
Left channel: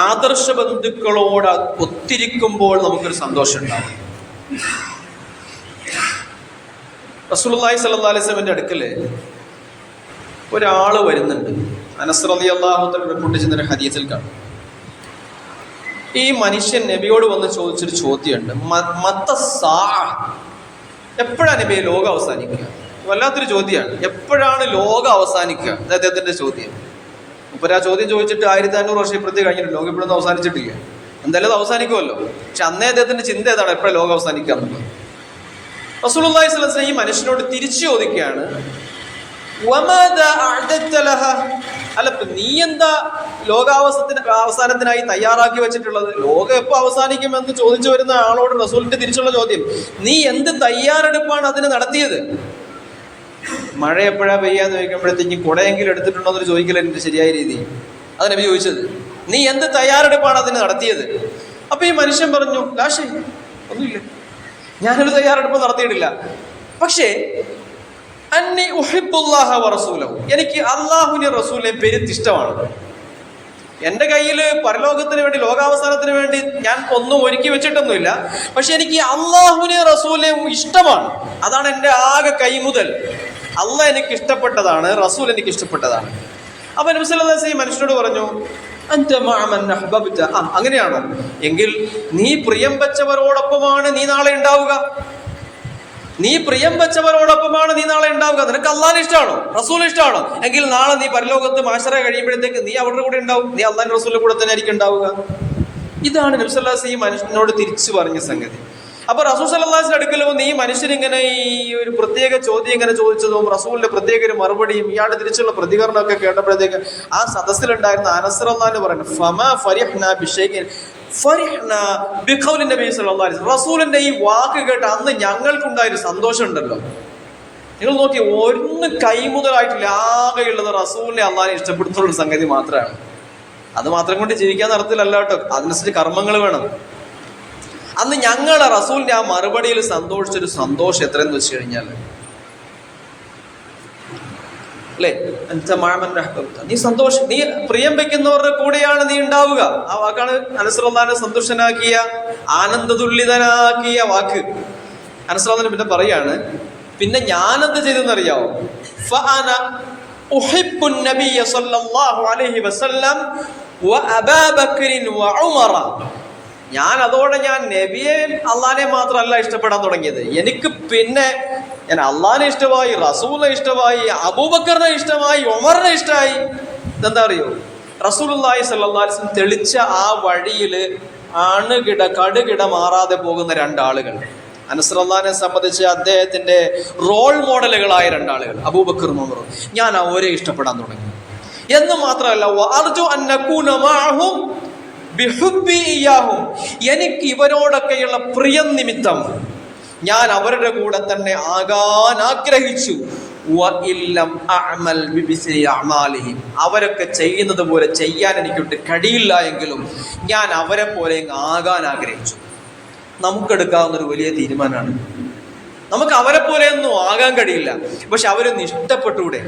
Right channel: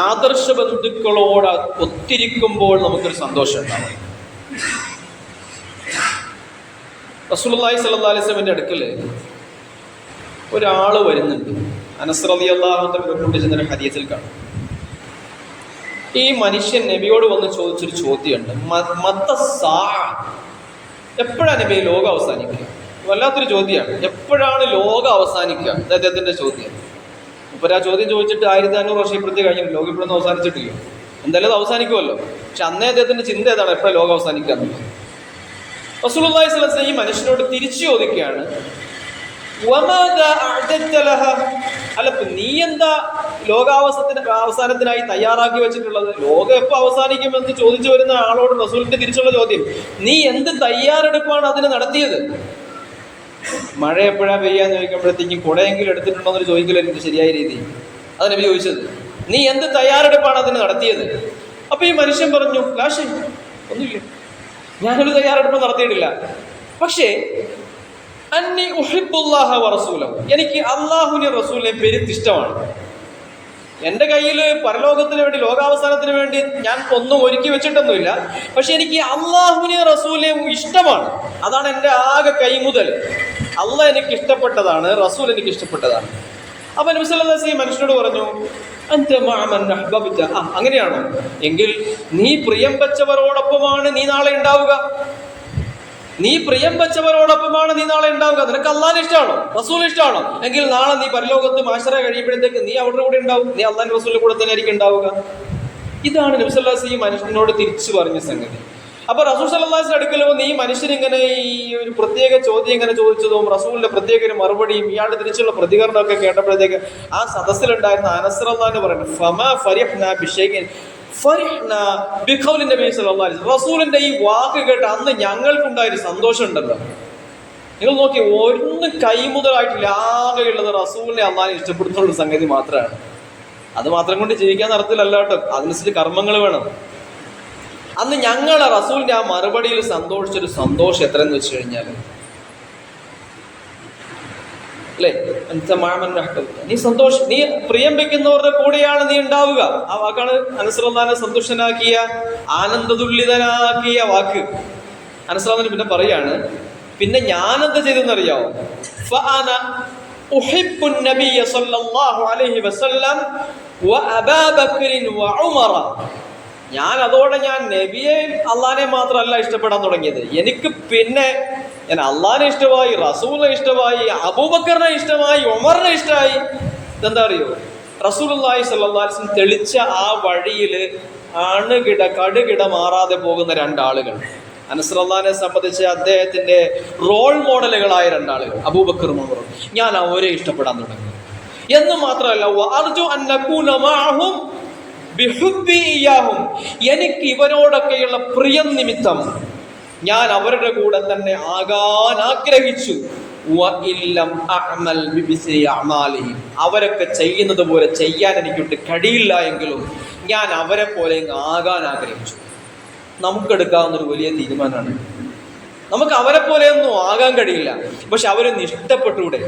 ആദർശ ബന്ധുക്കളോട് ഒത്തിരിക്കുമ്പോൾ നമുക്കൊരു സന്തോഷം ഉണ്ടാവും. റസൂലുള്ളാഹി സ്വല്ലല്ലാഹു അലൈഹി വസല്ലമയുടെ അടുക്കൽ ഒരാൾ വരുന്നുണ്ട്. അനസ് റളിയല്ലാഹു തആല റിപ്പോർട്ട് ചെയ്യുന്ന ഹദീസിൽ കാണും, ഈ മനുഷ്യൻ നബിയോട് വന്ന് ചോദിച്ചൊരു ചോദ്യമുണ്ട്, എപ്പോഴാണ് നബി ലോകം അവസാനിക്കുക? വല്ലാത്തൊരു ചോദ്യമാണ്. എപ്പോഴാണ് ലോകം അവസാനിക്കുക? അദ്ദേഹത്തിന്റെ ചോദ്യം. ഇപ്പൊ ആ ചോദ്യം ചോദിച്ചിട്ട് 1500 വർഷം ഇപ്പുറത്തേക്ക് കഴിഞ്ഞിട്ട് ലോകം ഇപ്പോഴൊന്നും അവസാനിച്ചിട്ടില്ല. എന്തായാലും അത് അവസാനിക്കുമല്ലോ. പക്ഷെ അന്നേ അദ്ദേഹത്തിന്റെ ചിന്ത ഏതാണ്? എപ്പോഴാണ് ലോകം അവസാനിക്കുക എന്നുള്ളത്. റസൂലുള്ളാഹി സ്വല്ലല്ലാഹു അലൈഹി വസല്ലം ഈ മനുഷ്യനോട് തിരിച്ചു ചോദിക്കുകയാണ്, അല്ല നീ എന്താ അവസാനത്തിനായി തയ്യാറാക്കി വെച്ചിട്ടുള്ളത്? ലോകം എപ്പോ അവസാനിക്കുമെന്ന് ചോദിച്ചു വരുന്ന ആളോട് റസൂലിന്റെ തിരിച്ചുള്ള ചോദ്യം, നീ എന്ത് തയ്യാറെടുപ്പാണ് അതിന് നടത്തിയത്? മഴ എപ്പോഴാ പെയ്യാന്ന് ചോദിക്കുമ്പോഴത്തേക്കും കുടയെങ്കിലും എടുത്തിട്ടുണ്ടോ എന്ന് ചോദിക്കല എന്റെ ശരിയായ രീതി. അത് നബി ചോദിച്ചത്, നീ എന്ത് തയ്യാറെടുപ്പാണ് അതിന് നടത്തിയത്? അപ്പൊ ഈ മനുഷ്യൻ പറഞ്ഞു, ലാഷേ ഒന്നുമില്ല, ഞാനൊരു തയ്യാറെടുപ്പ് നടത്തിയിട്ടില്ല. പക്ഷേ അന്നി ഉഹിബ്ബുല്ലാഹ വറസൂലഹു, എനിക്ക് അള്ളാഹുവിനെ റസൂലിനെ പെരുത്തിഷ്ടമാണ്. എൻ്റെ കയ്യിൽ പരലോകത്തിന് വേണ്ടി, ലോകാവസാനത്തിന് വേണ്ടി ഞാൻ ഒന്നും ഒരുക്കി വെച്ചിട്ടൊന്നുമില്ല. പക്ഷെ എനിക്ക് അള്ളാഹുവിനെ റസൂലിനെ ഇഷ്ടമാണ്. അതാണ് എൻ്റെ ആകെ കൈമുതൽ. അള്ളാഹ് എനിക്ക് ഇഷ്ടപ്പെട്ടതാണ്, റസൂൽ എനിക്ക് ഇഷ്ടപ്പെട്ടതാണ്. അപ്പൊ നബി സല്ലല്ലാഹു അലൈഹി വസല്ലം മനുഷ്യനോട് പറഞ്ഞു, അൻത മഅ മൻ അഹ്ബബ്ത, അങ്ങനെയാണോ? എങ്കിൽ നീ പ്രിയം വെച്ചവരോടൊപ്പമാണ് നീ നാളെ ഉണ്ടാവുക. നീ പ്രിയം വെച്ചവരോടൊപ്പമാണ് നീ നാളെ ഉണ്ടാവുക. നിനക്ക് അള്ളാഹിനെ ഇഷ്ടമാണോ, റസൂലിനെ ഇഷ്ടമാണോ? എങ്കിൽ നാളെ നീ പരലോകത്ത് മാശറ കഴിയുമ്പോഴത്തേക്ക് നീ അവരുടെ കൂടെ ഉണ്ടാവും. നീ അള്ളാഹിന്റെ റസൂലിന്റെ കൂടെ തന്നെ ആയിരിക്കും ഉണ്ടാവുക. ഇതാണ് നബി സല്ലല്ലാഹു അലൈഹി വസല്ലം മനുഷ്യനോട് തിരിച്ചു പറഞ്ഞ സംഗതി. അപ്പൊ റസൂൽ സല്ലല്ലാഹു അലൈഹി വസല്ലം അടുക്കൽ വന്ന് ഈ മനുഷ്യനിങ്ങനെ ഈ ഒരു പ്രത്യേക ചോദ്യം ഇങ്ങനെ ചോദിച്ചതും റസൂലിന്റെ പ്രത്യേക ഒരു മറുപടിയും ഇയാളുടെ തിരിച്ചുള്ള പ്രതികരണമൊക്കെ കേട്ടപ്പോഴത്തേക്ക് ആ സദസ്സിലുണ്ടായിരുന്ന അനസ് റളിയല്ലാഹു അൻഹു പറഞ്ഞു, ഫമാ ഫരിഹ്നാ ബിശൈഇൻ ഫരിഹ്നാ ബിഖൗലി നബി സല്ലല്ലാഹു അലൈഹി വസല്ലം. റസൂലിന്റെ ഈ വാക്ക് കേട്ട് അന്ന് ഞങ്ങൾക്കുണ്ടായൊരു സന്തോഷം ഉണ്ടല്ലോ. നിങ്ങൾ നോക്കി, ഒന്ന് കൈമുതലായിട്ടില്ല, ആകെയുള്ളത് റസൂലിനെ അള്ളാഹിനെ ഇഷ്ടപ്പെടുന്നുള്ള സംഗതി മാത്രമാണ്. അത് മാത്രം കൊണ്ട് ജീവിക്കാൻ നടത്തില്ലല്ലോ കേട്ടോ, അതിനനുസരിച്ച് കർമ്മങ്ങൾ വേണം. അന്ന് ഞങ്ങളെ റസൂലിന്റെ ആ മറുപടിയിൽ സന്തോഷിച്ചൊരു സന്തോഷം എത്രയെന്ന് വെച്ച് കഴിഞ്ഞാൽ, അല്ലേ, നീ സന്തോഷം, നീ പ്രിയം വെക്കുന്നവരുടെ കൂടെയാണ് നീ ഉണ്ടാവുക. ആ വാക്കാണ് അനസ് റളിയല്ലാഹു സന്തുഷ്ടനാക്കിയ, ആനന്ദതുല്ലിതനാക്കിയ വാക്ക്. അനസ് റളിയല്ലാഹു പിന്നെ പറയാണ്, പിന്നെ ഞാനെന്ത് ചെയ്തെന്നറിയാവോ? ഫഅന ഉഹിബ്ബുൻ നബിയ സല്ലല്ലാഹു അലൈഹി വസല്ലം വ അബാ ബക്രിൻ വ ഉമറ. ഞാൻ അതോടെ ഞാൻ നബിയെ അള്ളാഹിനെ മാത്രമല്ല ഇഷ്ടപ്പെടാൻ തുടങ്ങിയത്, എനിക്ക് പിന്നെ ഞാൻ അള്ളാഹിനെ ഇഷ്ടമായി, റസൂലിനെ ഇഷ്ടമായി, അബൂബക്കറിനെ ഇഷ്ടമായി, ഉമറിനെ ഇഷ്ടമായി. ഇതെന്താ അറിയോ? റസൂലുള്ളാഹി സ്വല്ലല്ലാഹു അലൈഹി വസല്ലം തെളിച്ച ആ വഴിയിൽ കടുകിട മാറാതെ പോകുന്ന രണ്ടാളുകൾ. അനസ് റളിയല്ലാഹുവിനെ സംബന്ധിച്ച് അദ്ദേഹത്തിന്റെ റോൾ മോഡലുകളായ രണ്ടാളുകൾ, അബൂബക്കറും ഉമറും. ഞാൻ അവരെ ഇഷ്ടപ്പെടാൻ തുടങ്ങി. എന്ന് മാത്രമല്ല, വഅർജു അൻ നകൂന മഅഹും ബിഹുബ്ബി ഇയ്യാഹും, എനിക്ക് ഇവരോടൊക്കെയുള്ള പ്രിയം നിമിത്തം ഞാൻ അവരുടെ കൂടെ തന്നെ ആകാൻ ആഗ്രഹിച്ചു. അവരൊക്കെ ചെയ്യുന്നത് പോലെ ചെയ്യാൻ എനിക്കൊട്ട് കഴിയില്ല എങ്കിലും ഞാൻ അവരെ പോലെ ആകാൻ ആഗ്രഹിച്ചു. നമുക്കെടുക്കാവുന്ന ഒരു വലിയ തീരുമാനമാണ്. നമുക്ക് അവരെ പോലെയൊന്നും ആകാൻ കഴിയില്ല, പക്ഷെ അവരൊന്ന് ഇഷ്ടപ്പെട്ടൂടെ,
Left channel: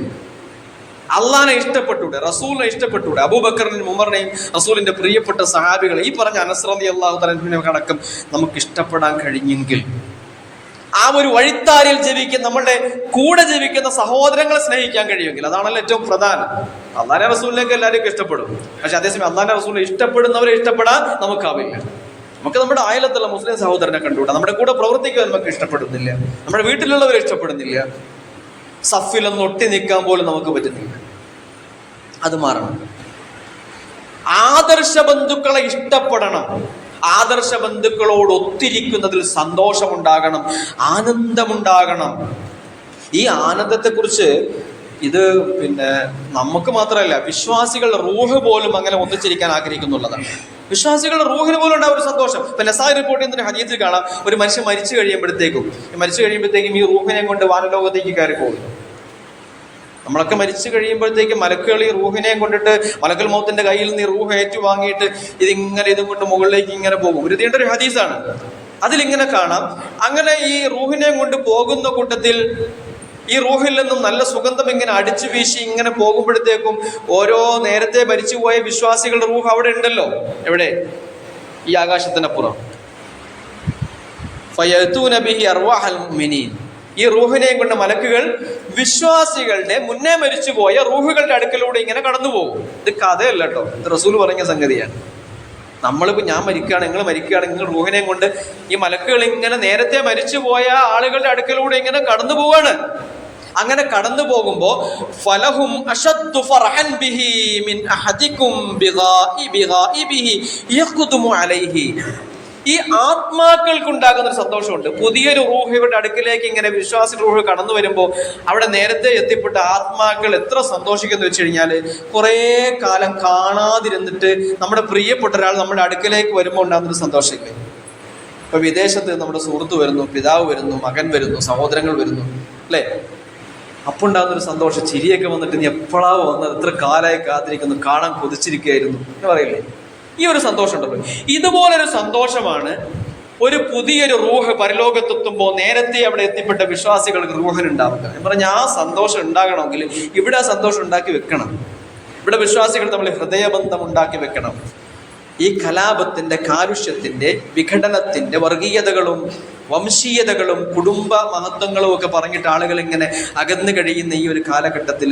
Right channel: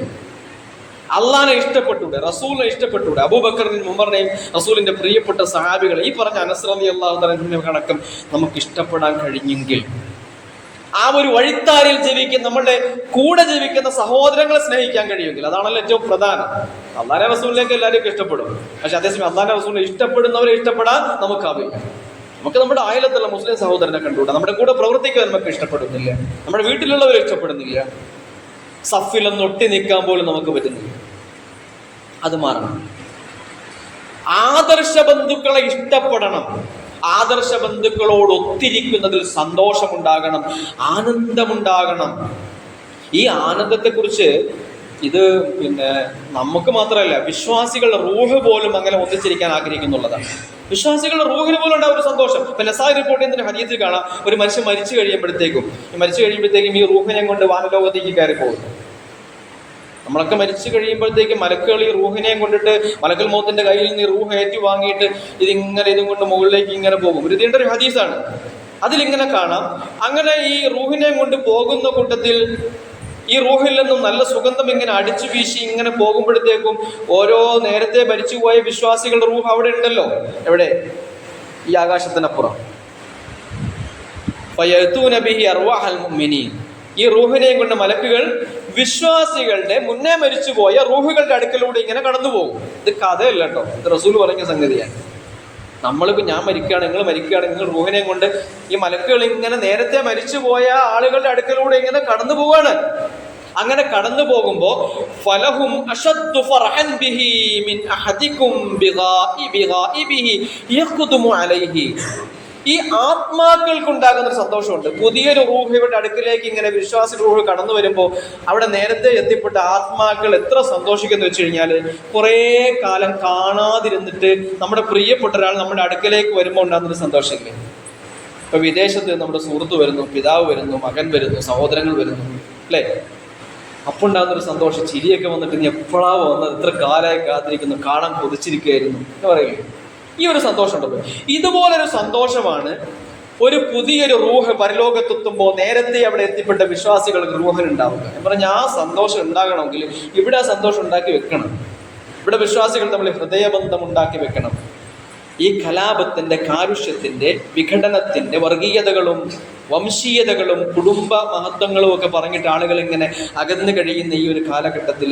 അള്ളാഹിനെ ഇഷ്ടപ്പെട്ടൂടെ, റസൂലിനെ ഇഷ്ടപ്പെട്ടൂടെ. അബൂബക്കറിനെയും ഉമറിനെയും റസൂലിന്റെ പ്രിയപ്പെട്ട സഹാബികളെ, ഈ പറഞ്ഞ അനസ് റളിയല്ലാഹു തആല കണക്കം നമുക്ക് ഇഷ്ടപ്പെടാൻ കഴിഞ്ഞെങ്കിൽ, ആ ഒരു വഴിത്താരിൽ ജീവിക്കുന്ന, നമ്മളുടെ കൂടെ ജീവിക്കുന്ന സഹോദരങ്ങളെ സ്നേഹിക്കാൻ കഴിയുമെങ്കിൽ, അതാണല്ലോ ഏറ്റവും പ്രധാനം. അള്ളാഹിന്റെ റസൂലിലേക്ക് എല്ലാവർക്കും ഇഷ്ടപ്പെടും, പക്ഷെ അതേസമയം അള്ളാഹിന്റെ റസൂലിനെ ഇഷ്ടപ്പെടുന്നവരെ ഇഷ്ടപ്പെടാൻ നമുക്കാവില്ല. നമുക്ക് നമ്മുടെ അയലത്തുള്ള മുസ്ലിം സഹോദരനെ കണ്ടുകൂടാ, നമ്മുടെ കൂടെ പ്രവർത്തിക്കാൻ നമുക്ക് ഇഷ്ടപ്പെടുന്നില്ല, നമ്മുടെ വീട്ടിലുള്ളവരെ ഇഷ്ടപ്പെടുന്നില്ല, സഫിലൊന്ന് ഒട്ടി നിൽക്കാൻ പോലും നമുക്ക് പറ്റുന്നില്ല. അത് മാറണം. ആദർശ ബന്ധുക്കളെ ഇഷ്ടപ്പെടണം. ആദർശ ബന്ധുക്കളോട് ഒത്തിരിക്കുന്നതിൽ സന്തോഷമുണ്ടാകണം, ആനന്ദമുണ്ടാകണം. ഈ ആനന്ദത്തെക്കുറിച്ച് ഇത് പിന്നെ നമുക്ക് മാത്രമല്ല, വിശ്വാസികളുടെ റൂഹ് പോലും അങ്ങനെ ഒന്നിച്ചിരിക്കാൻ ആഗ്രഹിക്കുന്നുള്ളതാണ്. വിശ്വാസികളുടെ റൂഹിന് പോലും ഉണ്ടാവും ഒരു സന്തോഷം. ഇപ്പൊ നസായി റിപ്പോർട്ട് ചെയ്യുന്ന ഹദീസിൽ കാണാം, ഒരു മനുഷ്യൻ മരിച്ചു കഴിയുമ്പോഴത്തേക്കും ഈ റൂഹിനെ കൊണ്ട് വാനലോകത്തേക്ക് കയറി പോകുന്നു. നമ്മളൊക്കെ മരിച്ചു കഴിയുമ്പോഴത്തേക്കും മലക്കുകൾ ഈ റൂഹിനെയും കൊണ്ടിട്ട് മലക്കൽ മൗത്തിന്റെ കയ്യിൽ നിന്ന് ഈ റൂഹ് ഏറ്റു വാങ്ങിയിട്ട് ഇതും കൊണ്ട് മുകളിലേക്ക് ഇങ്ങനെ പോകും. ഒരു നീണ്ട ഒരു ഹദീസാണ്. അതിലിങ്ങനെ കാണാം, അങ്ങനെ ഈ റൂഹിനെ കൊണ്ട് പോകുന്ന കൂട്ടത്തിൽ ഈ റൂഹിൽ നിന്നും നല്ല സുഗന്ധം ഇങ്ങനെ അടിച്ചു വീശി ഇങ്ങനെ പോകുമ്പോഴത്തേക്കും ഓരോ നേരത്തെ മരിച്ചുപോയ വിശ്വാസികളുടെ റൂഹ് അവിടെ ഉണ്ടല്ലോ. എവിടെ? ഈ ആകാശത്തിനപ്പുറം. ഫയഅ്തൂന ബിഹി അർവാഹൽ മുഅ്മിനീൻ. ഈ റൂഹിനെയും കൊണ്ട് മലക്കുകൾ വിശ്വാസികളുടെ മുന്നേ മരിച്ചുപോയ റൂഹുകളുടെ അടുക്കലൂടെ ഇങ്ങനെ കടന്നു പോകും. ഇത് കഥയല്ല കേട്ടോ, ഇത് റസൂൽ പറഞ്ഞ സംഗതിയാണ്. നമ്മളിപ്പോ ഞാൻ മരിക്കുകയാണ്, നിങ്ങൾ മരിക്കുകയാണ്, നിങ്ങൾ റൂഹിനെയും കൊണ്ട് ഈ മലക്കുകൾ ഇങ്ങനെ നേരത്തെ മരിച്ചുപോയ ആളുകളുടെ അടുക്കലൂടെ ഇങ്ങനെ കടന്നു പോവാണ്. അങ്ങനെ കടന്നു പോകുമ്പോ ഫലഹും അശദ്ദു ഫർഹൻ ബിഹി മിൻ അഹദികും ബിഗാഇബിഹി യഖ്ദുമു അലൈഹി. ഈ ആത്മാക്കൾക്കുണ്ടാകുന്ന ഒരു സന്തോഷമുണ്ട്. പുതിയൊരു റൂഹിയുടെ അടുക്കിലേക്ക് ഇങ്ങനെ വിശ്വാസി റൂഹ് കടന്നു വരുമ്പോൾ അവിടെ നേരത്തെ എത്തിപ്പെട്ട ആത്മാക്കൾ എത്ര സന്തോഷിക്കുന്നു വെച്ച് കഴിഞ്ഞാല്, കുറേ കാലം കാണാതിരുന്നിട്ട് നമ്മുടെ പ്രിയപ്പെട്ട ഒരാൾ നമ്മുടെ അടുക്കിലേക്ക് വരുമ്പോൾ ഉണ്ടാകുന്നൊരു സന്തോഷമില്ലേ? ഇപ്പൊ വിദേശത്ത് നമ്മുടെ സുഹൃത്ത് വരുന്നു, പിതാവ് വരുന്നു, മകൻ വരുന്നു, സഹോദരങ്ങൾ വരുന്നു, അല്ലേ? അപ്പോൾ ഉണ്ടാകുന്നൊരു സന്തോഷം. ചിരിയൊക്കെ വന്നിട്ട് നീ എപ്പോഴാ വന്നത്, എത്ര കാലമായി കാത്തിരിക്കുന്നു, കാണാൻ കൊതിച്ചിരിക്കുകയായിരുന്നു എന്ന് പറയില്ലേ? ഈ ഒരു സന്തോഷം ഉണ്ടല്ലോ. ഇതുപോലൊരു സന്തോഷമാണ് ഒരു പുതിയൊരു റൂഹ് പരലോകത്തെത്തുമ്പോൾ നേരത്തെ അവിടെ എത്തിപ്പെട്ട വിശ്വാസികൾക്ക് റൂഹിനുണ്ടാവുക എന്ന് പറഞ്ഞാൽ, ആ സന്തോഷം ഉണ്ടാകണമെങ്കിൽ ഇവിടെ ആ സന്തോഷം ഉണ്ടാക്കി വെക്കണം. ഇവിടെ വിശ്വാസികൾ തമ്മിൽ ഹൃദയബന്ധം ഉണ്ടാക്കി വെക്കണം. ഈ കലാപത്തിന്റെ, കാരുഷ്യത്തിന്റെ, വിഘടനത്തിന്റെ, വർഗീയതകളും വംശീയതകളും കുടുംബ മഹത്വങ്ങളും ഒക്കെ പറഞ്ഞിട്ട് ആളുകൾ ഇങ്ങനെ അകന്നു കഴിയുന്ന ഈ ഒരു കാലഘട്ടത്തിൽ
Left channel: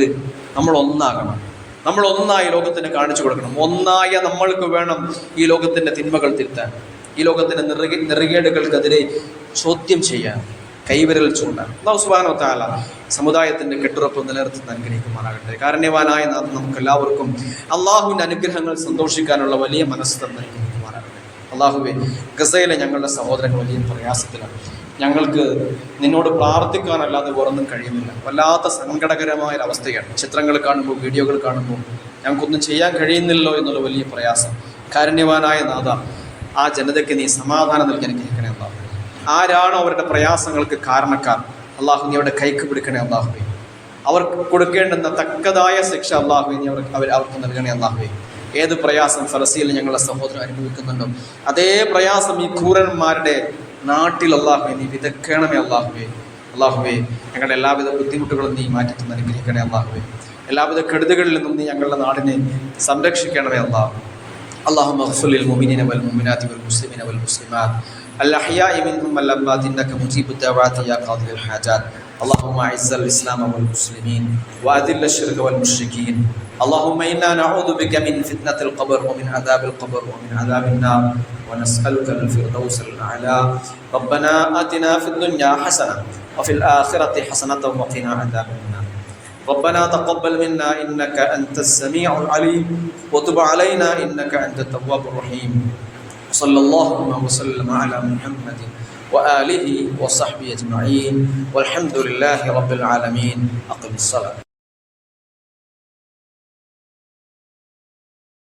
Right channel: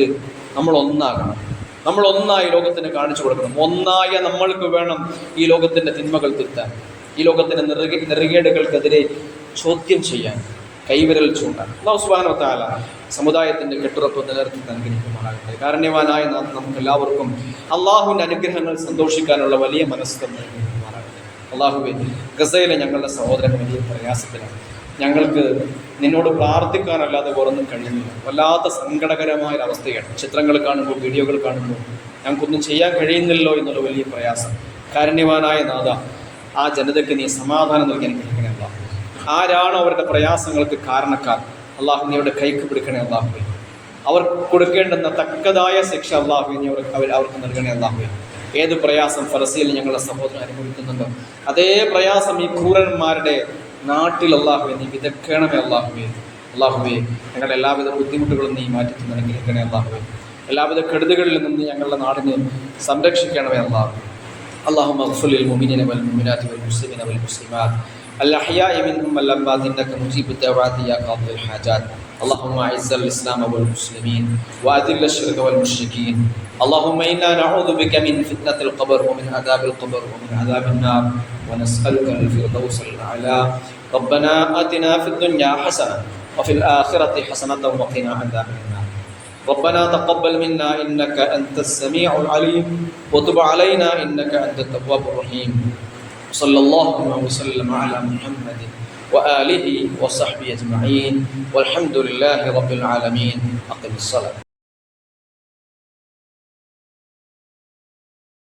നമ്മൾ ഒന്നാകണം. നമ്മൾ ഒന്നായി ലോകത്തിന് കാണിച്ചു കൊടുക്കണം. ഒന്നായ നമ്മൾക്ക് വേണം ഈ ലോകത്തിന്റെ തിന്മകൾ തിരുത്താൻ, ഈ ലോകത്തിന്റെ നെറുകേടുകൾക്കെതിരെ ചോദ്യം ചെയ്യാൻ, കൈവിരൽ ചൂണ്ടാൻ. അല്ലാഹു സുബ്ഹാനഹു വ തആല സമുദായത്തിന്റെ കെട്ടുറപ്പ് നിലനിർത്തി അനുഗ്രഹിക്കുമാറാകട്ടെ. കാരുണ്യവാനായ നമുക്ക് എല്ലാവർക്കും അള്ളാഹുവിന്റെ അനുഗ്രഹങ്ങൾ സന്തോഷിക്കാനുള്ള വലിയ മനസ്സ് നൽകുമാറാകട്ടെ. അള്ളാഹുവേ, ഗസയിലെ ഞങ്ങളുടെ സഹോദരങ്ങൾ വലിയ പ്രയാസത്തിലാണ്. ഞങ്ങൾക്ക് നിന്നോട് പ്രാർത്ഥിക്കാനല്ലാതെ വേറൊന്നും കഴിയുന്നില്ല. വല്ലാത്ത സങ്കടകരമായ അവസ്ഥയാണ്. ചിത്രങ്ങൾ കാണുമ്പോൾ, വീഡിയോകൾ കാണുമ്പോൾ ഞങ്ങൾക്കൊന്നും ചെയ്യാൻ കഴിയുന്നില്ലല്ലോ എന്നുള്ള വലിയ പ്രയാസം. കാരുണ്യവാനായ നാഥ, ആ ജനതയ്ക്ക് നീ സമാധാനം നൽകി അനുഗ്രഹിക്കണേ അല്ലാഹു. ആരാണോ അവരുടെ പ്രയാസങ്ങൾക്ക് കാരണക്കാർ, അള്ളാഹു നീ അവരുടെ കൈക്ക് പിടിക്കണേ അല്ലാഹുവേ. അവർക്ക് കൊടുക്കേണ്ടുന്ന തക്കതായ ശിക്ഷ അല്ലാഹുവേ നീ അവർക്ക് നൽകണേ അല്ലാഹുവേ. ഏത് പ്രയാസം ഫലസ്തീനിൽ ഞങ്ങളുടെ സഹോദരൻ അനുഭവിക്കുന്നുണ്ടോ, അതേ പ്രയാസം ഈ ക്രൂരന്മാരുടെ നാട്ടിൽ അല്ലാഹുവേ നീ വിതക്കണമേ അല്ലാഹുവേ. അല്ലാഹുവേ, ഞങ്ങളുടെ എല്ലാവിധ ബുദ്ധിമുട്ടുകളും നീ മാറ്റി തന്ന് അനുഗ്രഹിക്കണേ അല്ലാഹുവേ. എല്ലാവിധ കെടുതികളിൽ നിന്നും നീ ഞങ്ങളുടെ നാടിനെ സംരക്ഷിക്കണമേ അല്ലാഹു. اللهم اغفر للمؤمنين والمؤمنات والمسلمين والمسلمات الأحياء منهم والأموات إنك مجيب الدعوات يا قاضي الحاجات. اللهم أعز الإسلام والمسلمين وأذل الشرك والمشركين. اللهم إنا نعوذ بك من فتنة القبر ومن عذاب القبر ومن عذاب النار ونسألك الفردوس الأعلى. ربنا آتنا في الدنيا حسنة وفي الآخرة حسنة وقنا عذاب النار. ربنا تقبل منا إنك أنت السميع العليم وتب علينا إنك أنت التواب الرحيم. صلى الله وسلم على محمد وآله وصحبه أجمعين والحمد لله رب العالمين. أقم الصلاة.